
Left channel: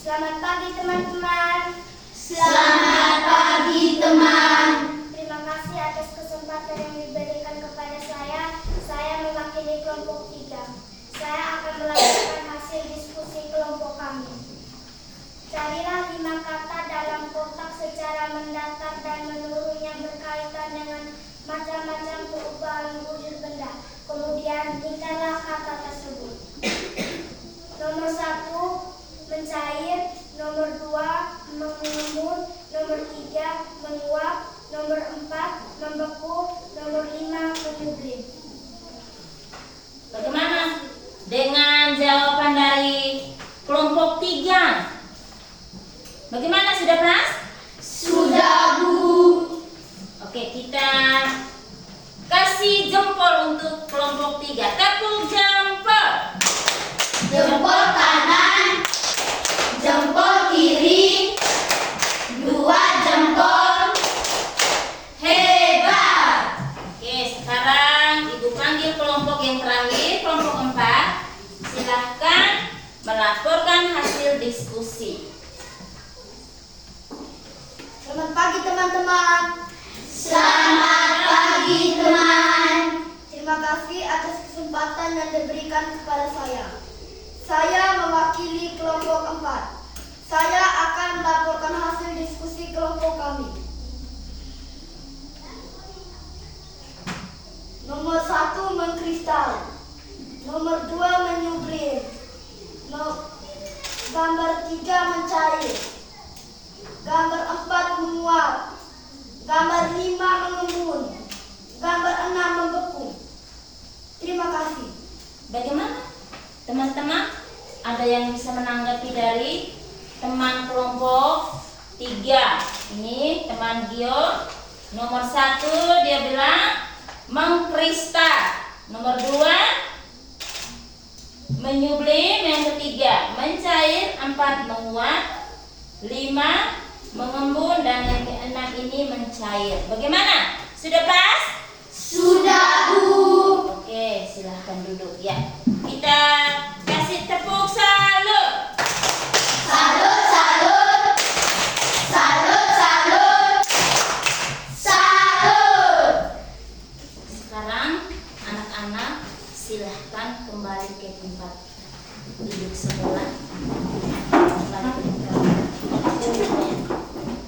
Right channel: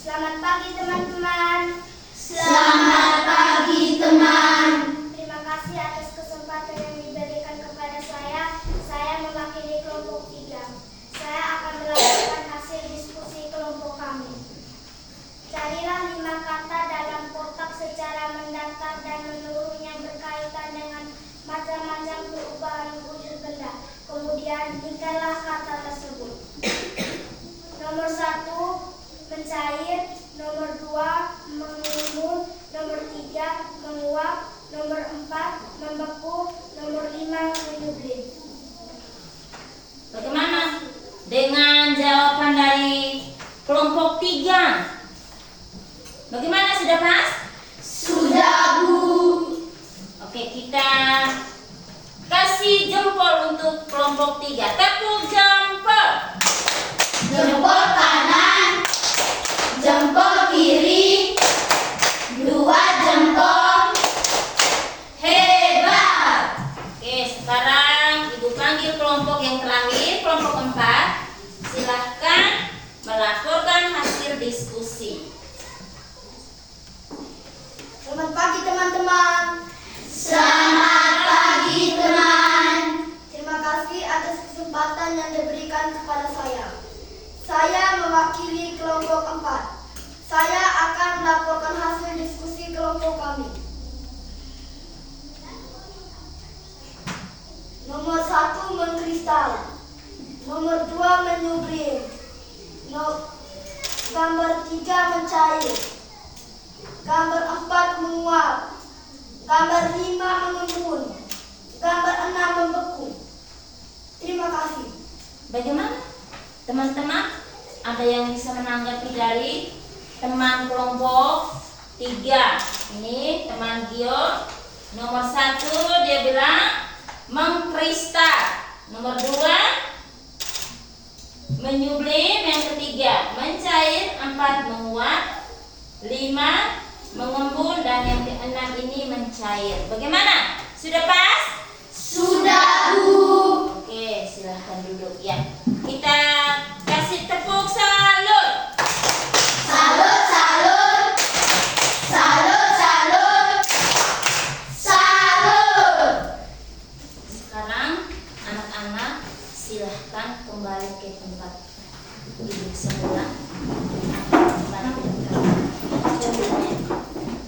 Selamat pagi teman-teman. Selamat pagi teman. Terima kasih atas kesempatan yang diberikan kepada saya. Saya mewakili kelompok 3. Saya akan melakukan hasil diskusi kelompok kami. Carilah 5 kata dalam kotak secara mendatar dan menurun yang berkaitan dengan macam-macam perubahan wujud benda. Kemudian berikanlah kata tersebut. Nomor 1, mencair. Nomor 2, mengembun. Nomor 3, menguap. Nomor 4, membeku. Nomor 5, menyublim. Bagaimana dengan jawaban dari kelompok 3? Bagaimana, sudah pas? Sudah, Bu. Oke, kita kasih jempol untuk kelompok 3. Tepuk jempol. Jempol kanan, jempol kiri, 2 jempol. Hebat. Oke, sekarang Ibu panggil kelompok yang terakhir, kelompok 4. Silahkan melaporkan hasil diskusi. Selamat pagi teman-teman. Selamat pagi teman. Terima kasih atas kesempatan yang diberikan kepada saya. Saya mewakili kelompok 4. Saya akan melaporkan hasil diskusi kelompok kami. Nomor 1, mengkristal. 3 mencair. Gambar 4 menguap. Gambar 5 mengembun. Gambar 6 membeku. Terima kasih. Bagaimana? Teman-teman, ada yang bisa menanggapi dari teman kelompok 3? Ini teman Gio. Nomor 1 dia bilang mengkristal. Nomor 2 menyublim. Yang ketiga mencair. 4 menguap. 5 mengembun. Dan yang keenam ini mencair. Bagaimana? Sudah pas? Sudah, Bu. Oke, silahkan duduk ya. Kita kasih tepuk salut. Salut, salut. Salut, salut. Salut. Sekarang anak-anak silahkan kembali ke tempat duduk semula.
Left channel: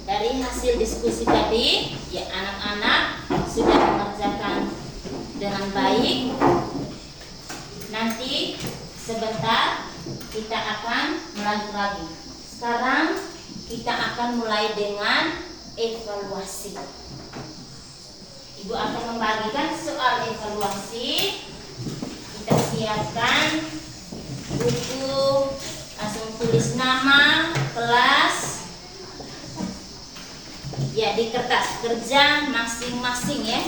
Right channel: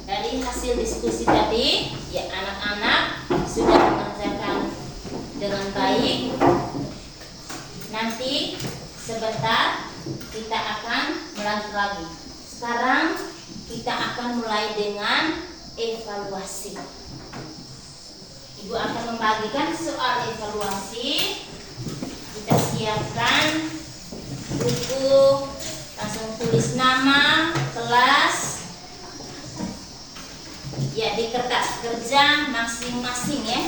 Dari hasil diskusi tadi, ya anak-anak sudah mengerjakan dengan baik. Nanti sebentar kita akan melanjut lagi. Sekarang kita akan mulai dengan evaluasi. Ibu akan membagikan soal evaluasi. Kita siapkan buku, langsung tulis nama, kelas. Ya, di kertas kerja masing-masing ya.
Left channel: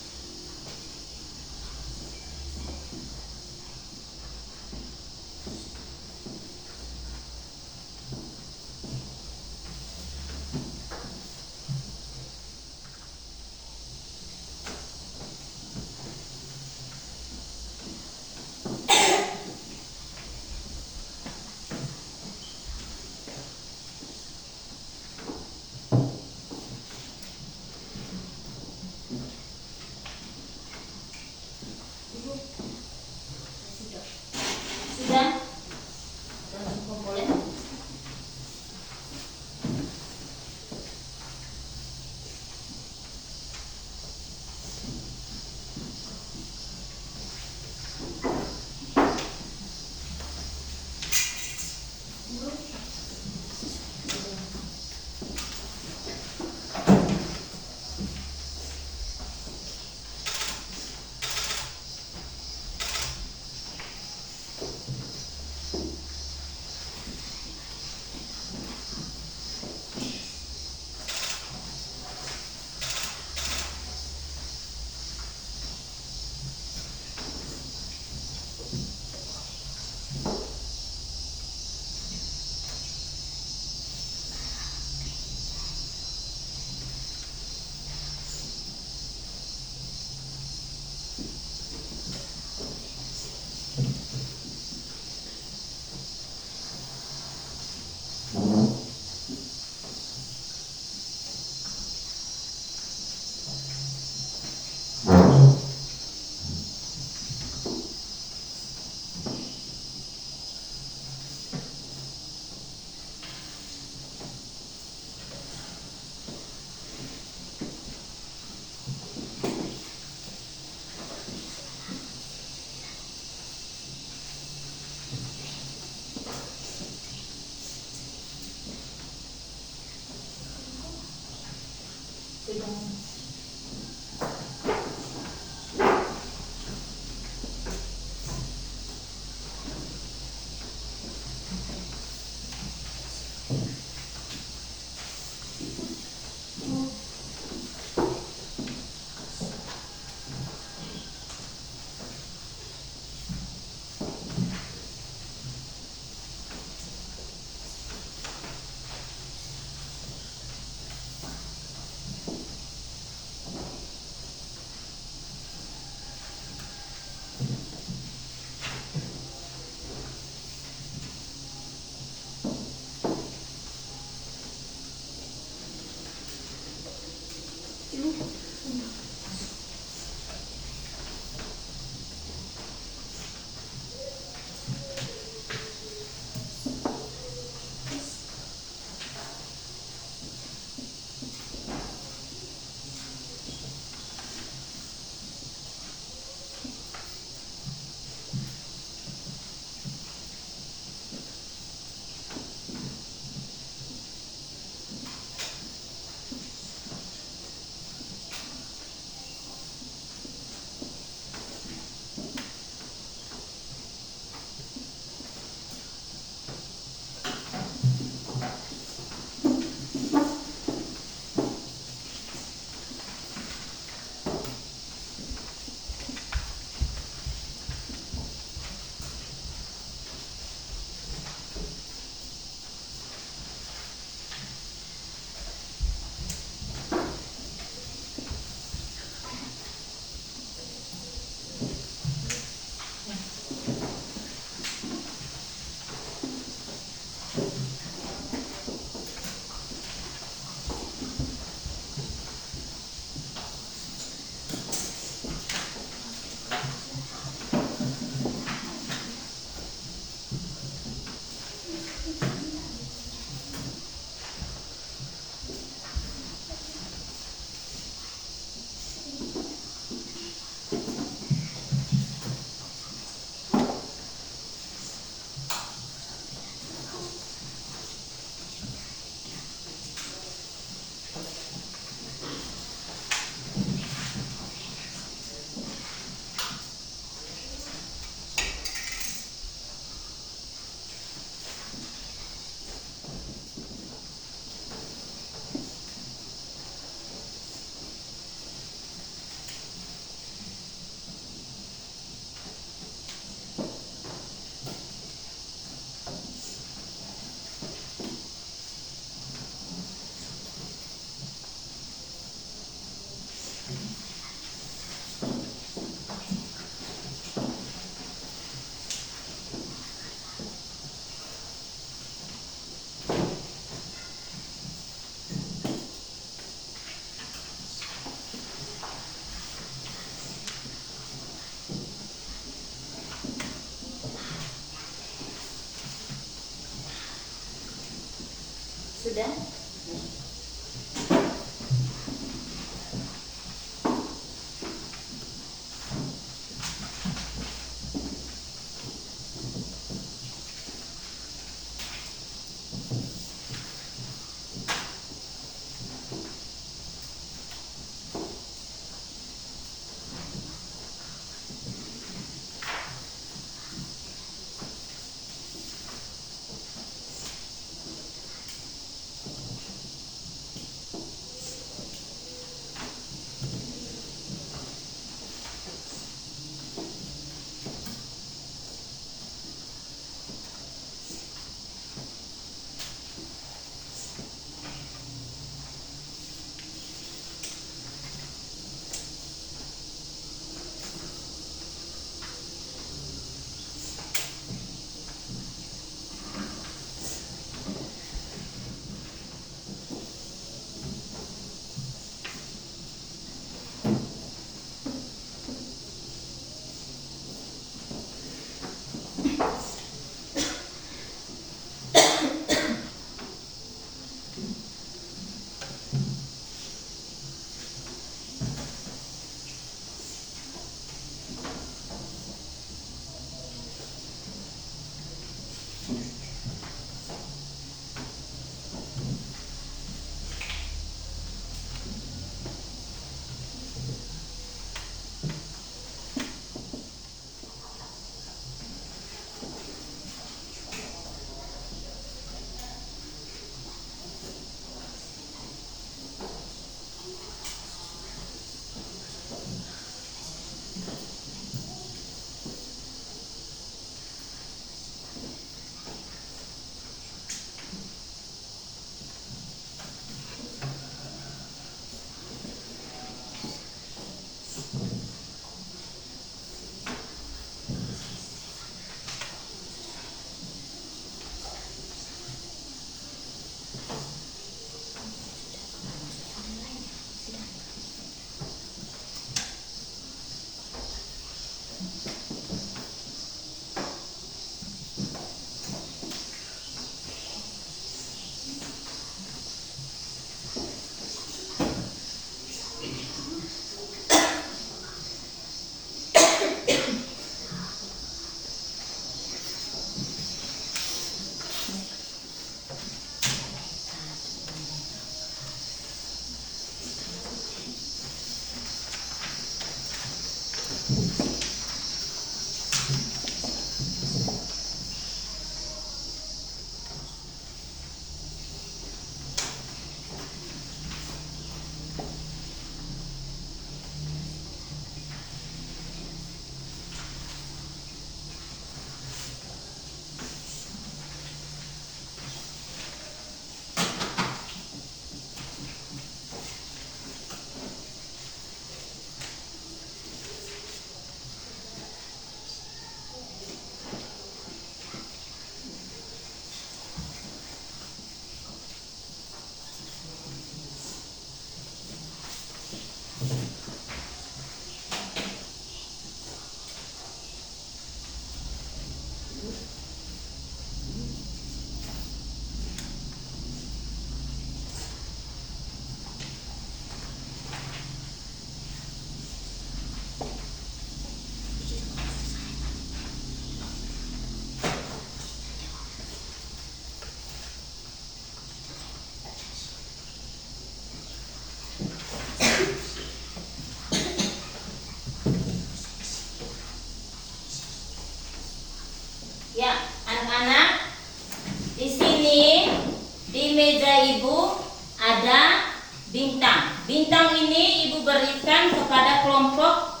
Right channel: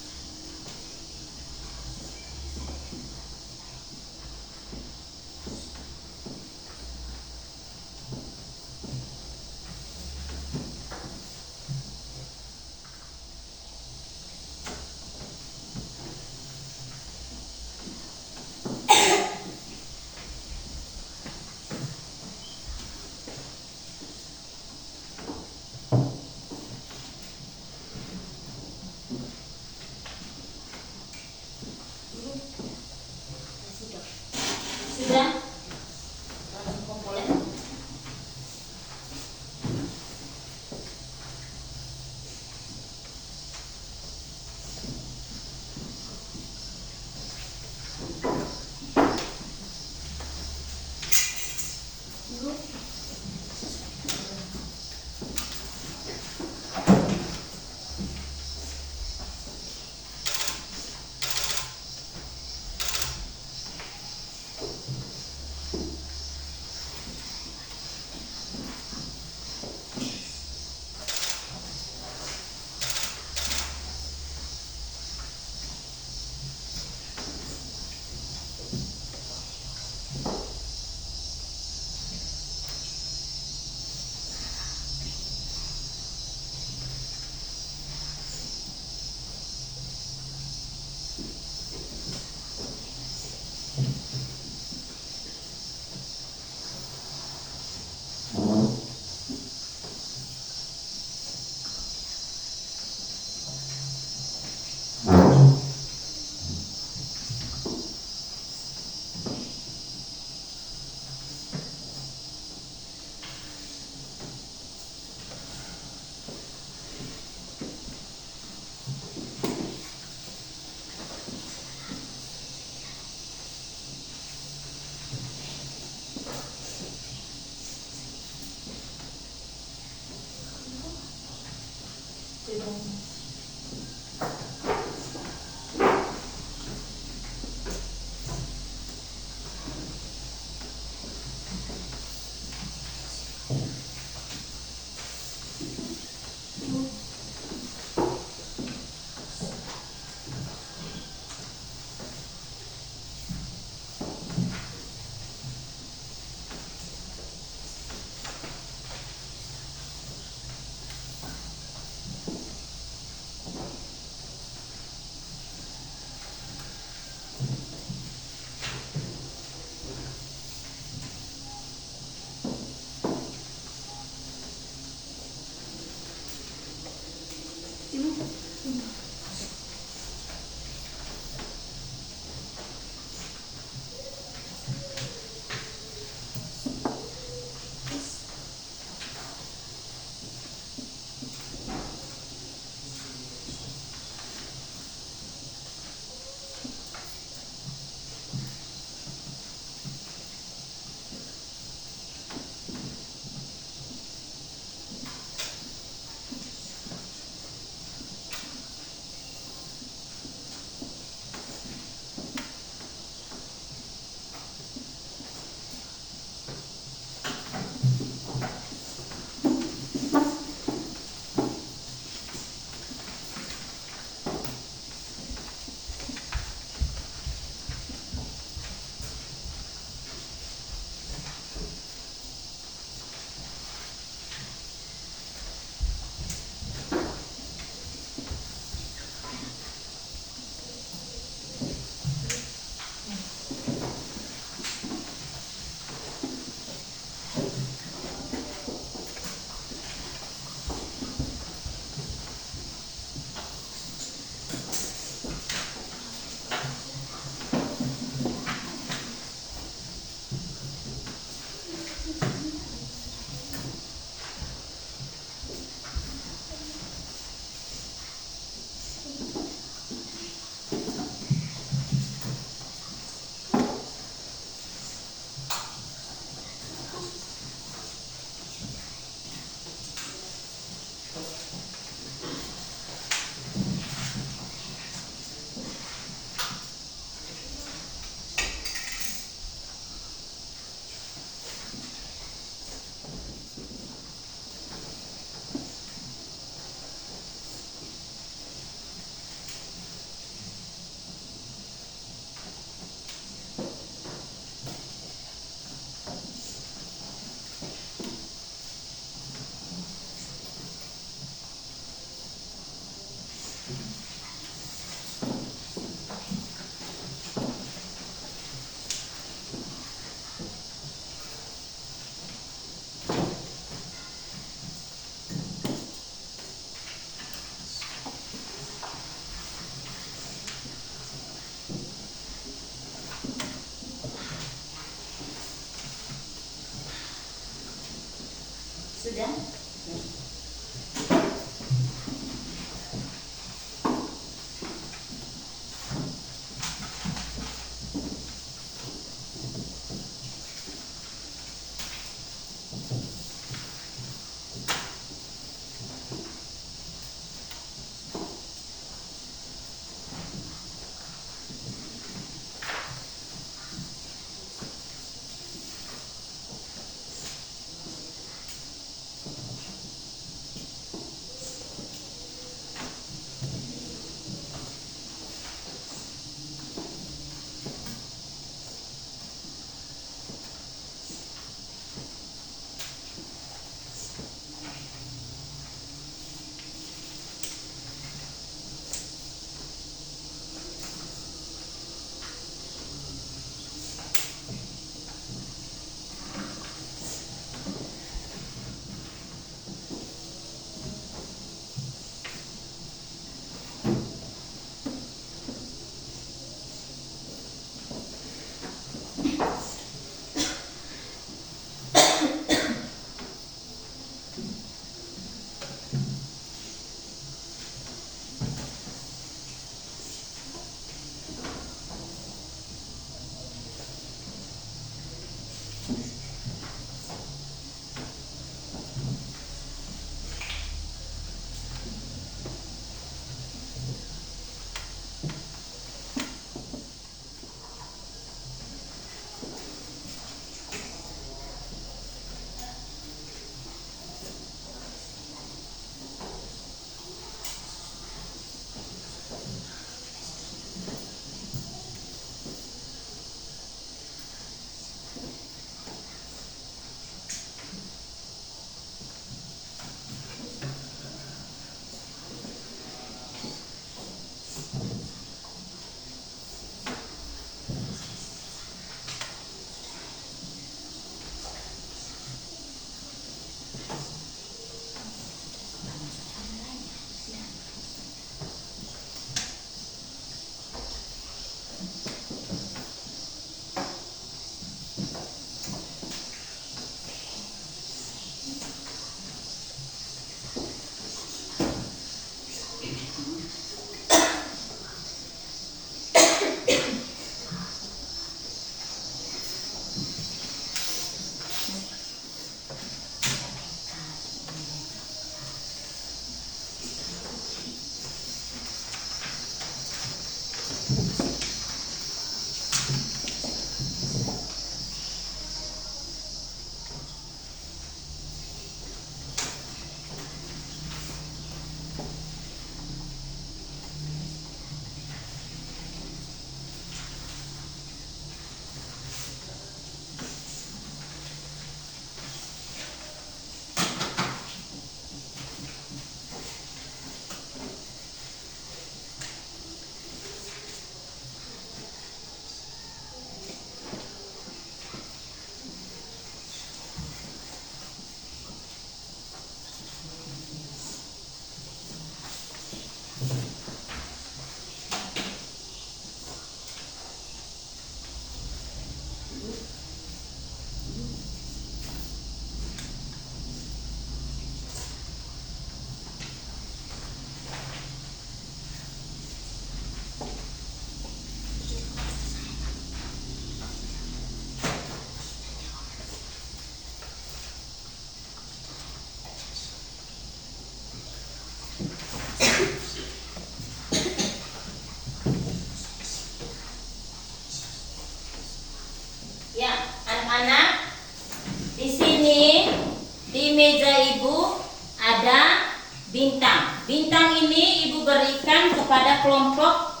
Ibu berikan kepada kelompok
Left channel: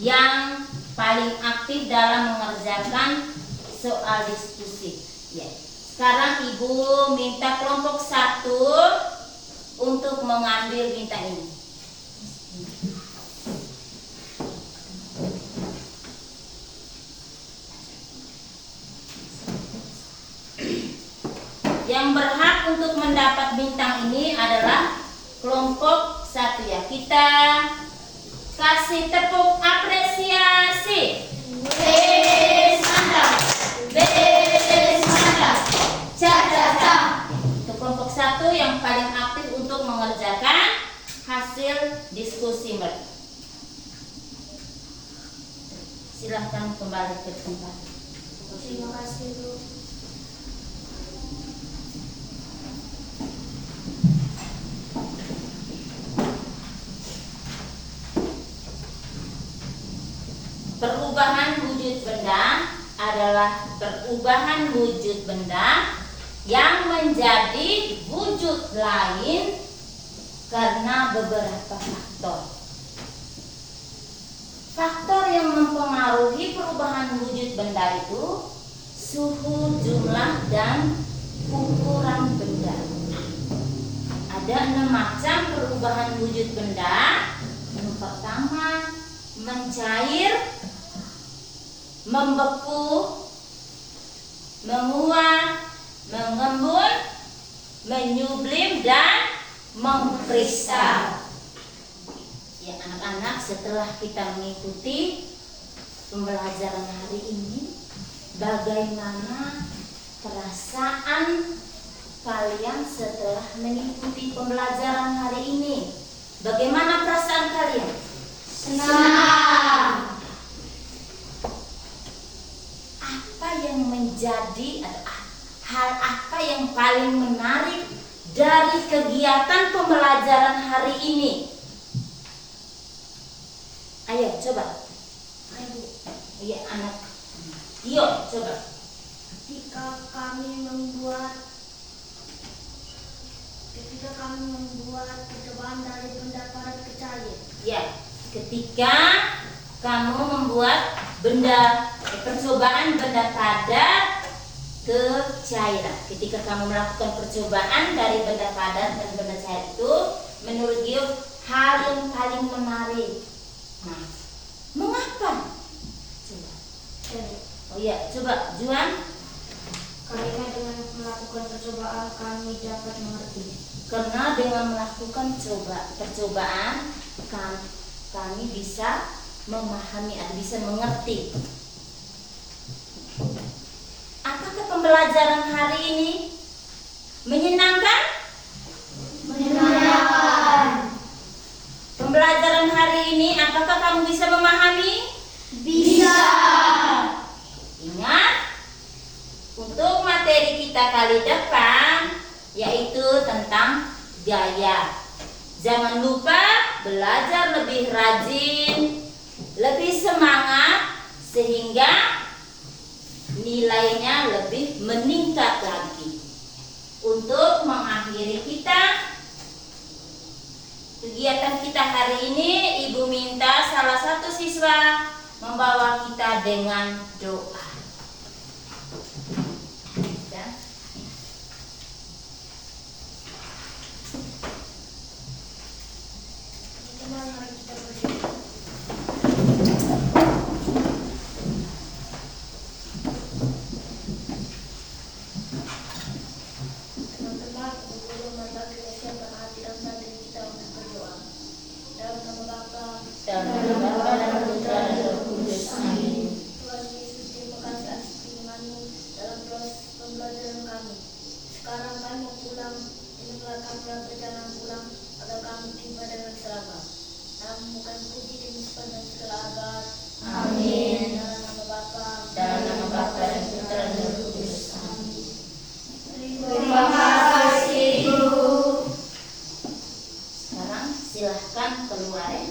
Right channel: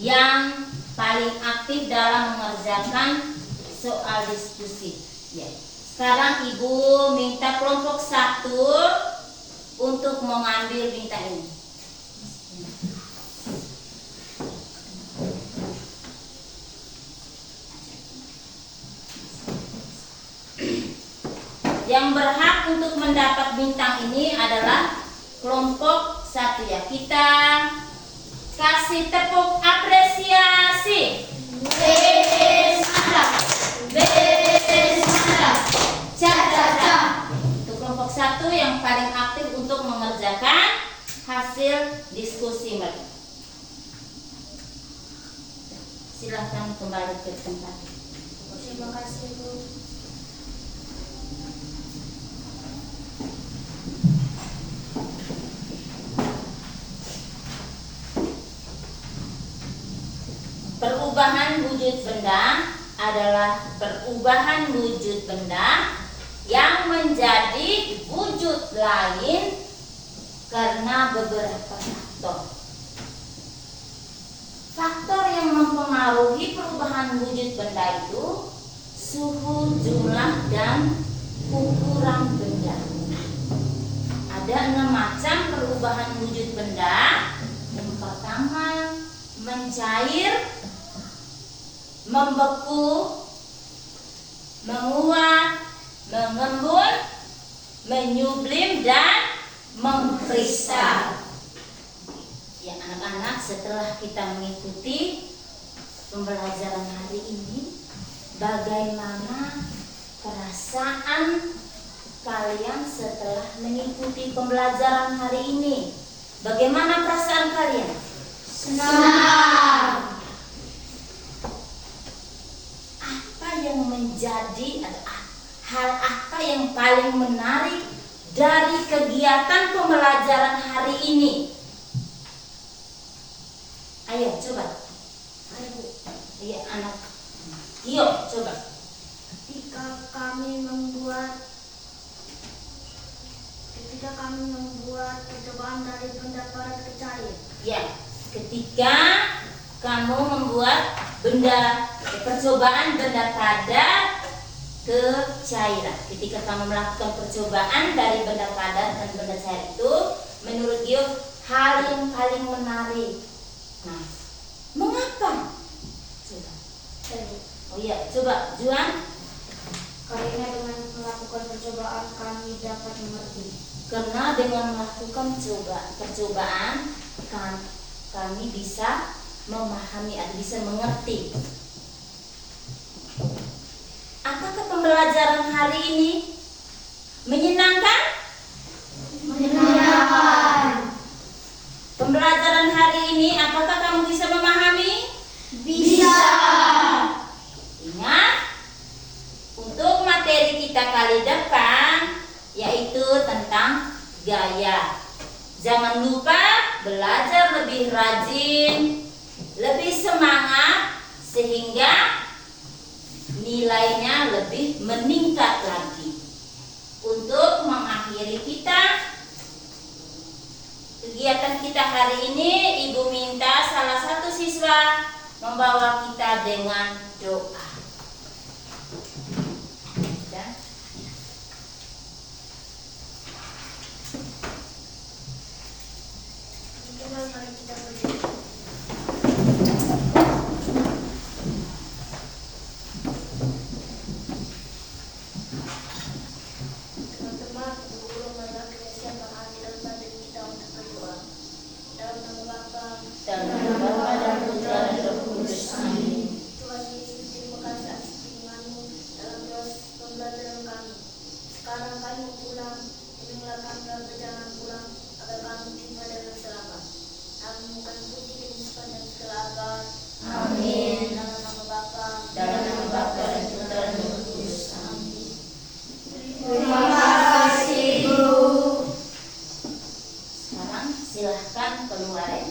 yang paling aktif dalam mengerjakan soal diskusi. Ya. Sekarang Ibu minta kelompok 1 untuk mengambil bintang ini. Yang berhak untuk mendapat bintang ini adalah kelompok 1 ya. Kita kasih tepuk apresiasi. Untuk kelompok 1 yang paling aktif untuk mengerjakan hasil diskusi mereka. Silahkan kembali ke tempat. Terima kasih, Bu. Perubahan wujud benda adalah perubahan wujud benda yang menjadi wujud lain karena beberapa faktor. Faktor yang mempengaruhi perubahan wujud benda itu suhu, jumlah, dan ukuran benda. Ada 6 macam perubahan wujud benda. Yang pertama, mencair, membeku, menguap, mengembun, menyublim, dan mengkristal. Ya anak-anak, setelah kita mengikuti pembelajaran hari ini, bagaimana perasaan kalian setelah mengikuti pembelajaran hari ini? Bagaimana perasaan kalian? Senang. Apa yang menjadi hal apa yang paling menarik dari kegiatan pembelajaran hari ini? Ayo coba. Ayo, Ayo anak. Yo coba. ketika kami membuat percobaan dari benda padat ke cair. Ya, ketika kamu membuat percobaan benda padat ke cairan. Ketika kamu melakukan percobaan dari benda padat dan benda cair itu, menurut Gio hal yang paling menarik. Nah, mengapa? Coba. Oh iya, coba Juan. Karena dengan melakukan percobaan kami dapat mengerti. Karena dengan melakukan percobaan kami bisa memahami atau bisa mengerti. Apakah pembelajaran hari ini menyenangkan? Menyenangkan. Pembelajaran hari ini apakah kamu bisa memahami? Bisa. Ingat, untuk materi kita kali depan yaitu tentang gaya. Jangan lupa belajar lebih rajin, lebih semangat sehingga nilainya lebih meningkat lagi. Untuk mengakhiri kegiatan kita hari ini, Ibu minta salah satu siswa membawa kita dengan doa. Ya. Teman-teman, mari kita berdoa. Teman-teman, guru berbagi siapa hati dan batin kita untuk berdoa. Dalam nama Bapa, Dalam nama Bapa dan Putra dan Roh Kudus. Amin. Tuhan Yesus, terima kasih atas firman-Mu dalam proses pembelajaran kami. Sekarang kami mau pulang, inilah kami dalam perjalanan pulang agar kami jumpa dengan selamat. Namun bukan puji dan sepanjang segala abad. Amin. Dalam nama Bapa, Dalam nama Bapa dan Putra dan Roh Kudus. Amin. Terima kasih, Guru. Sekarang silahkan keluar ya.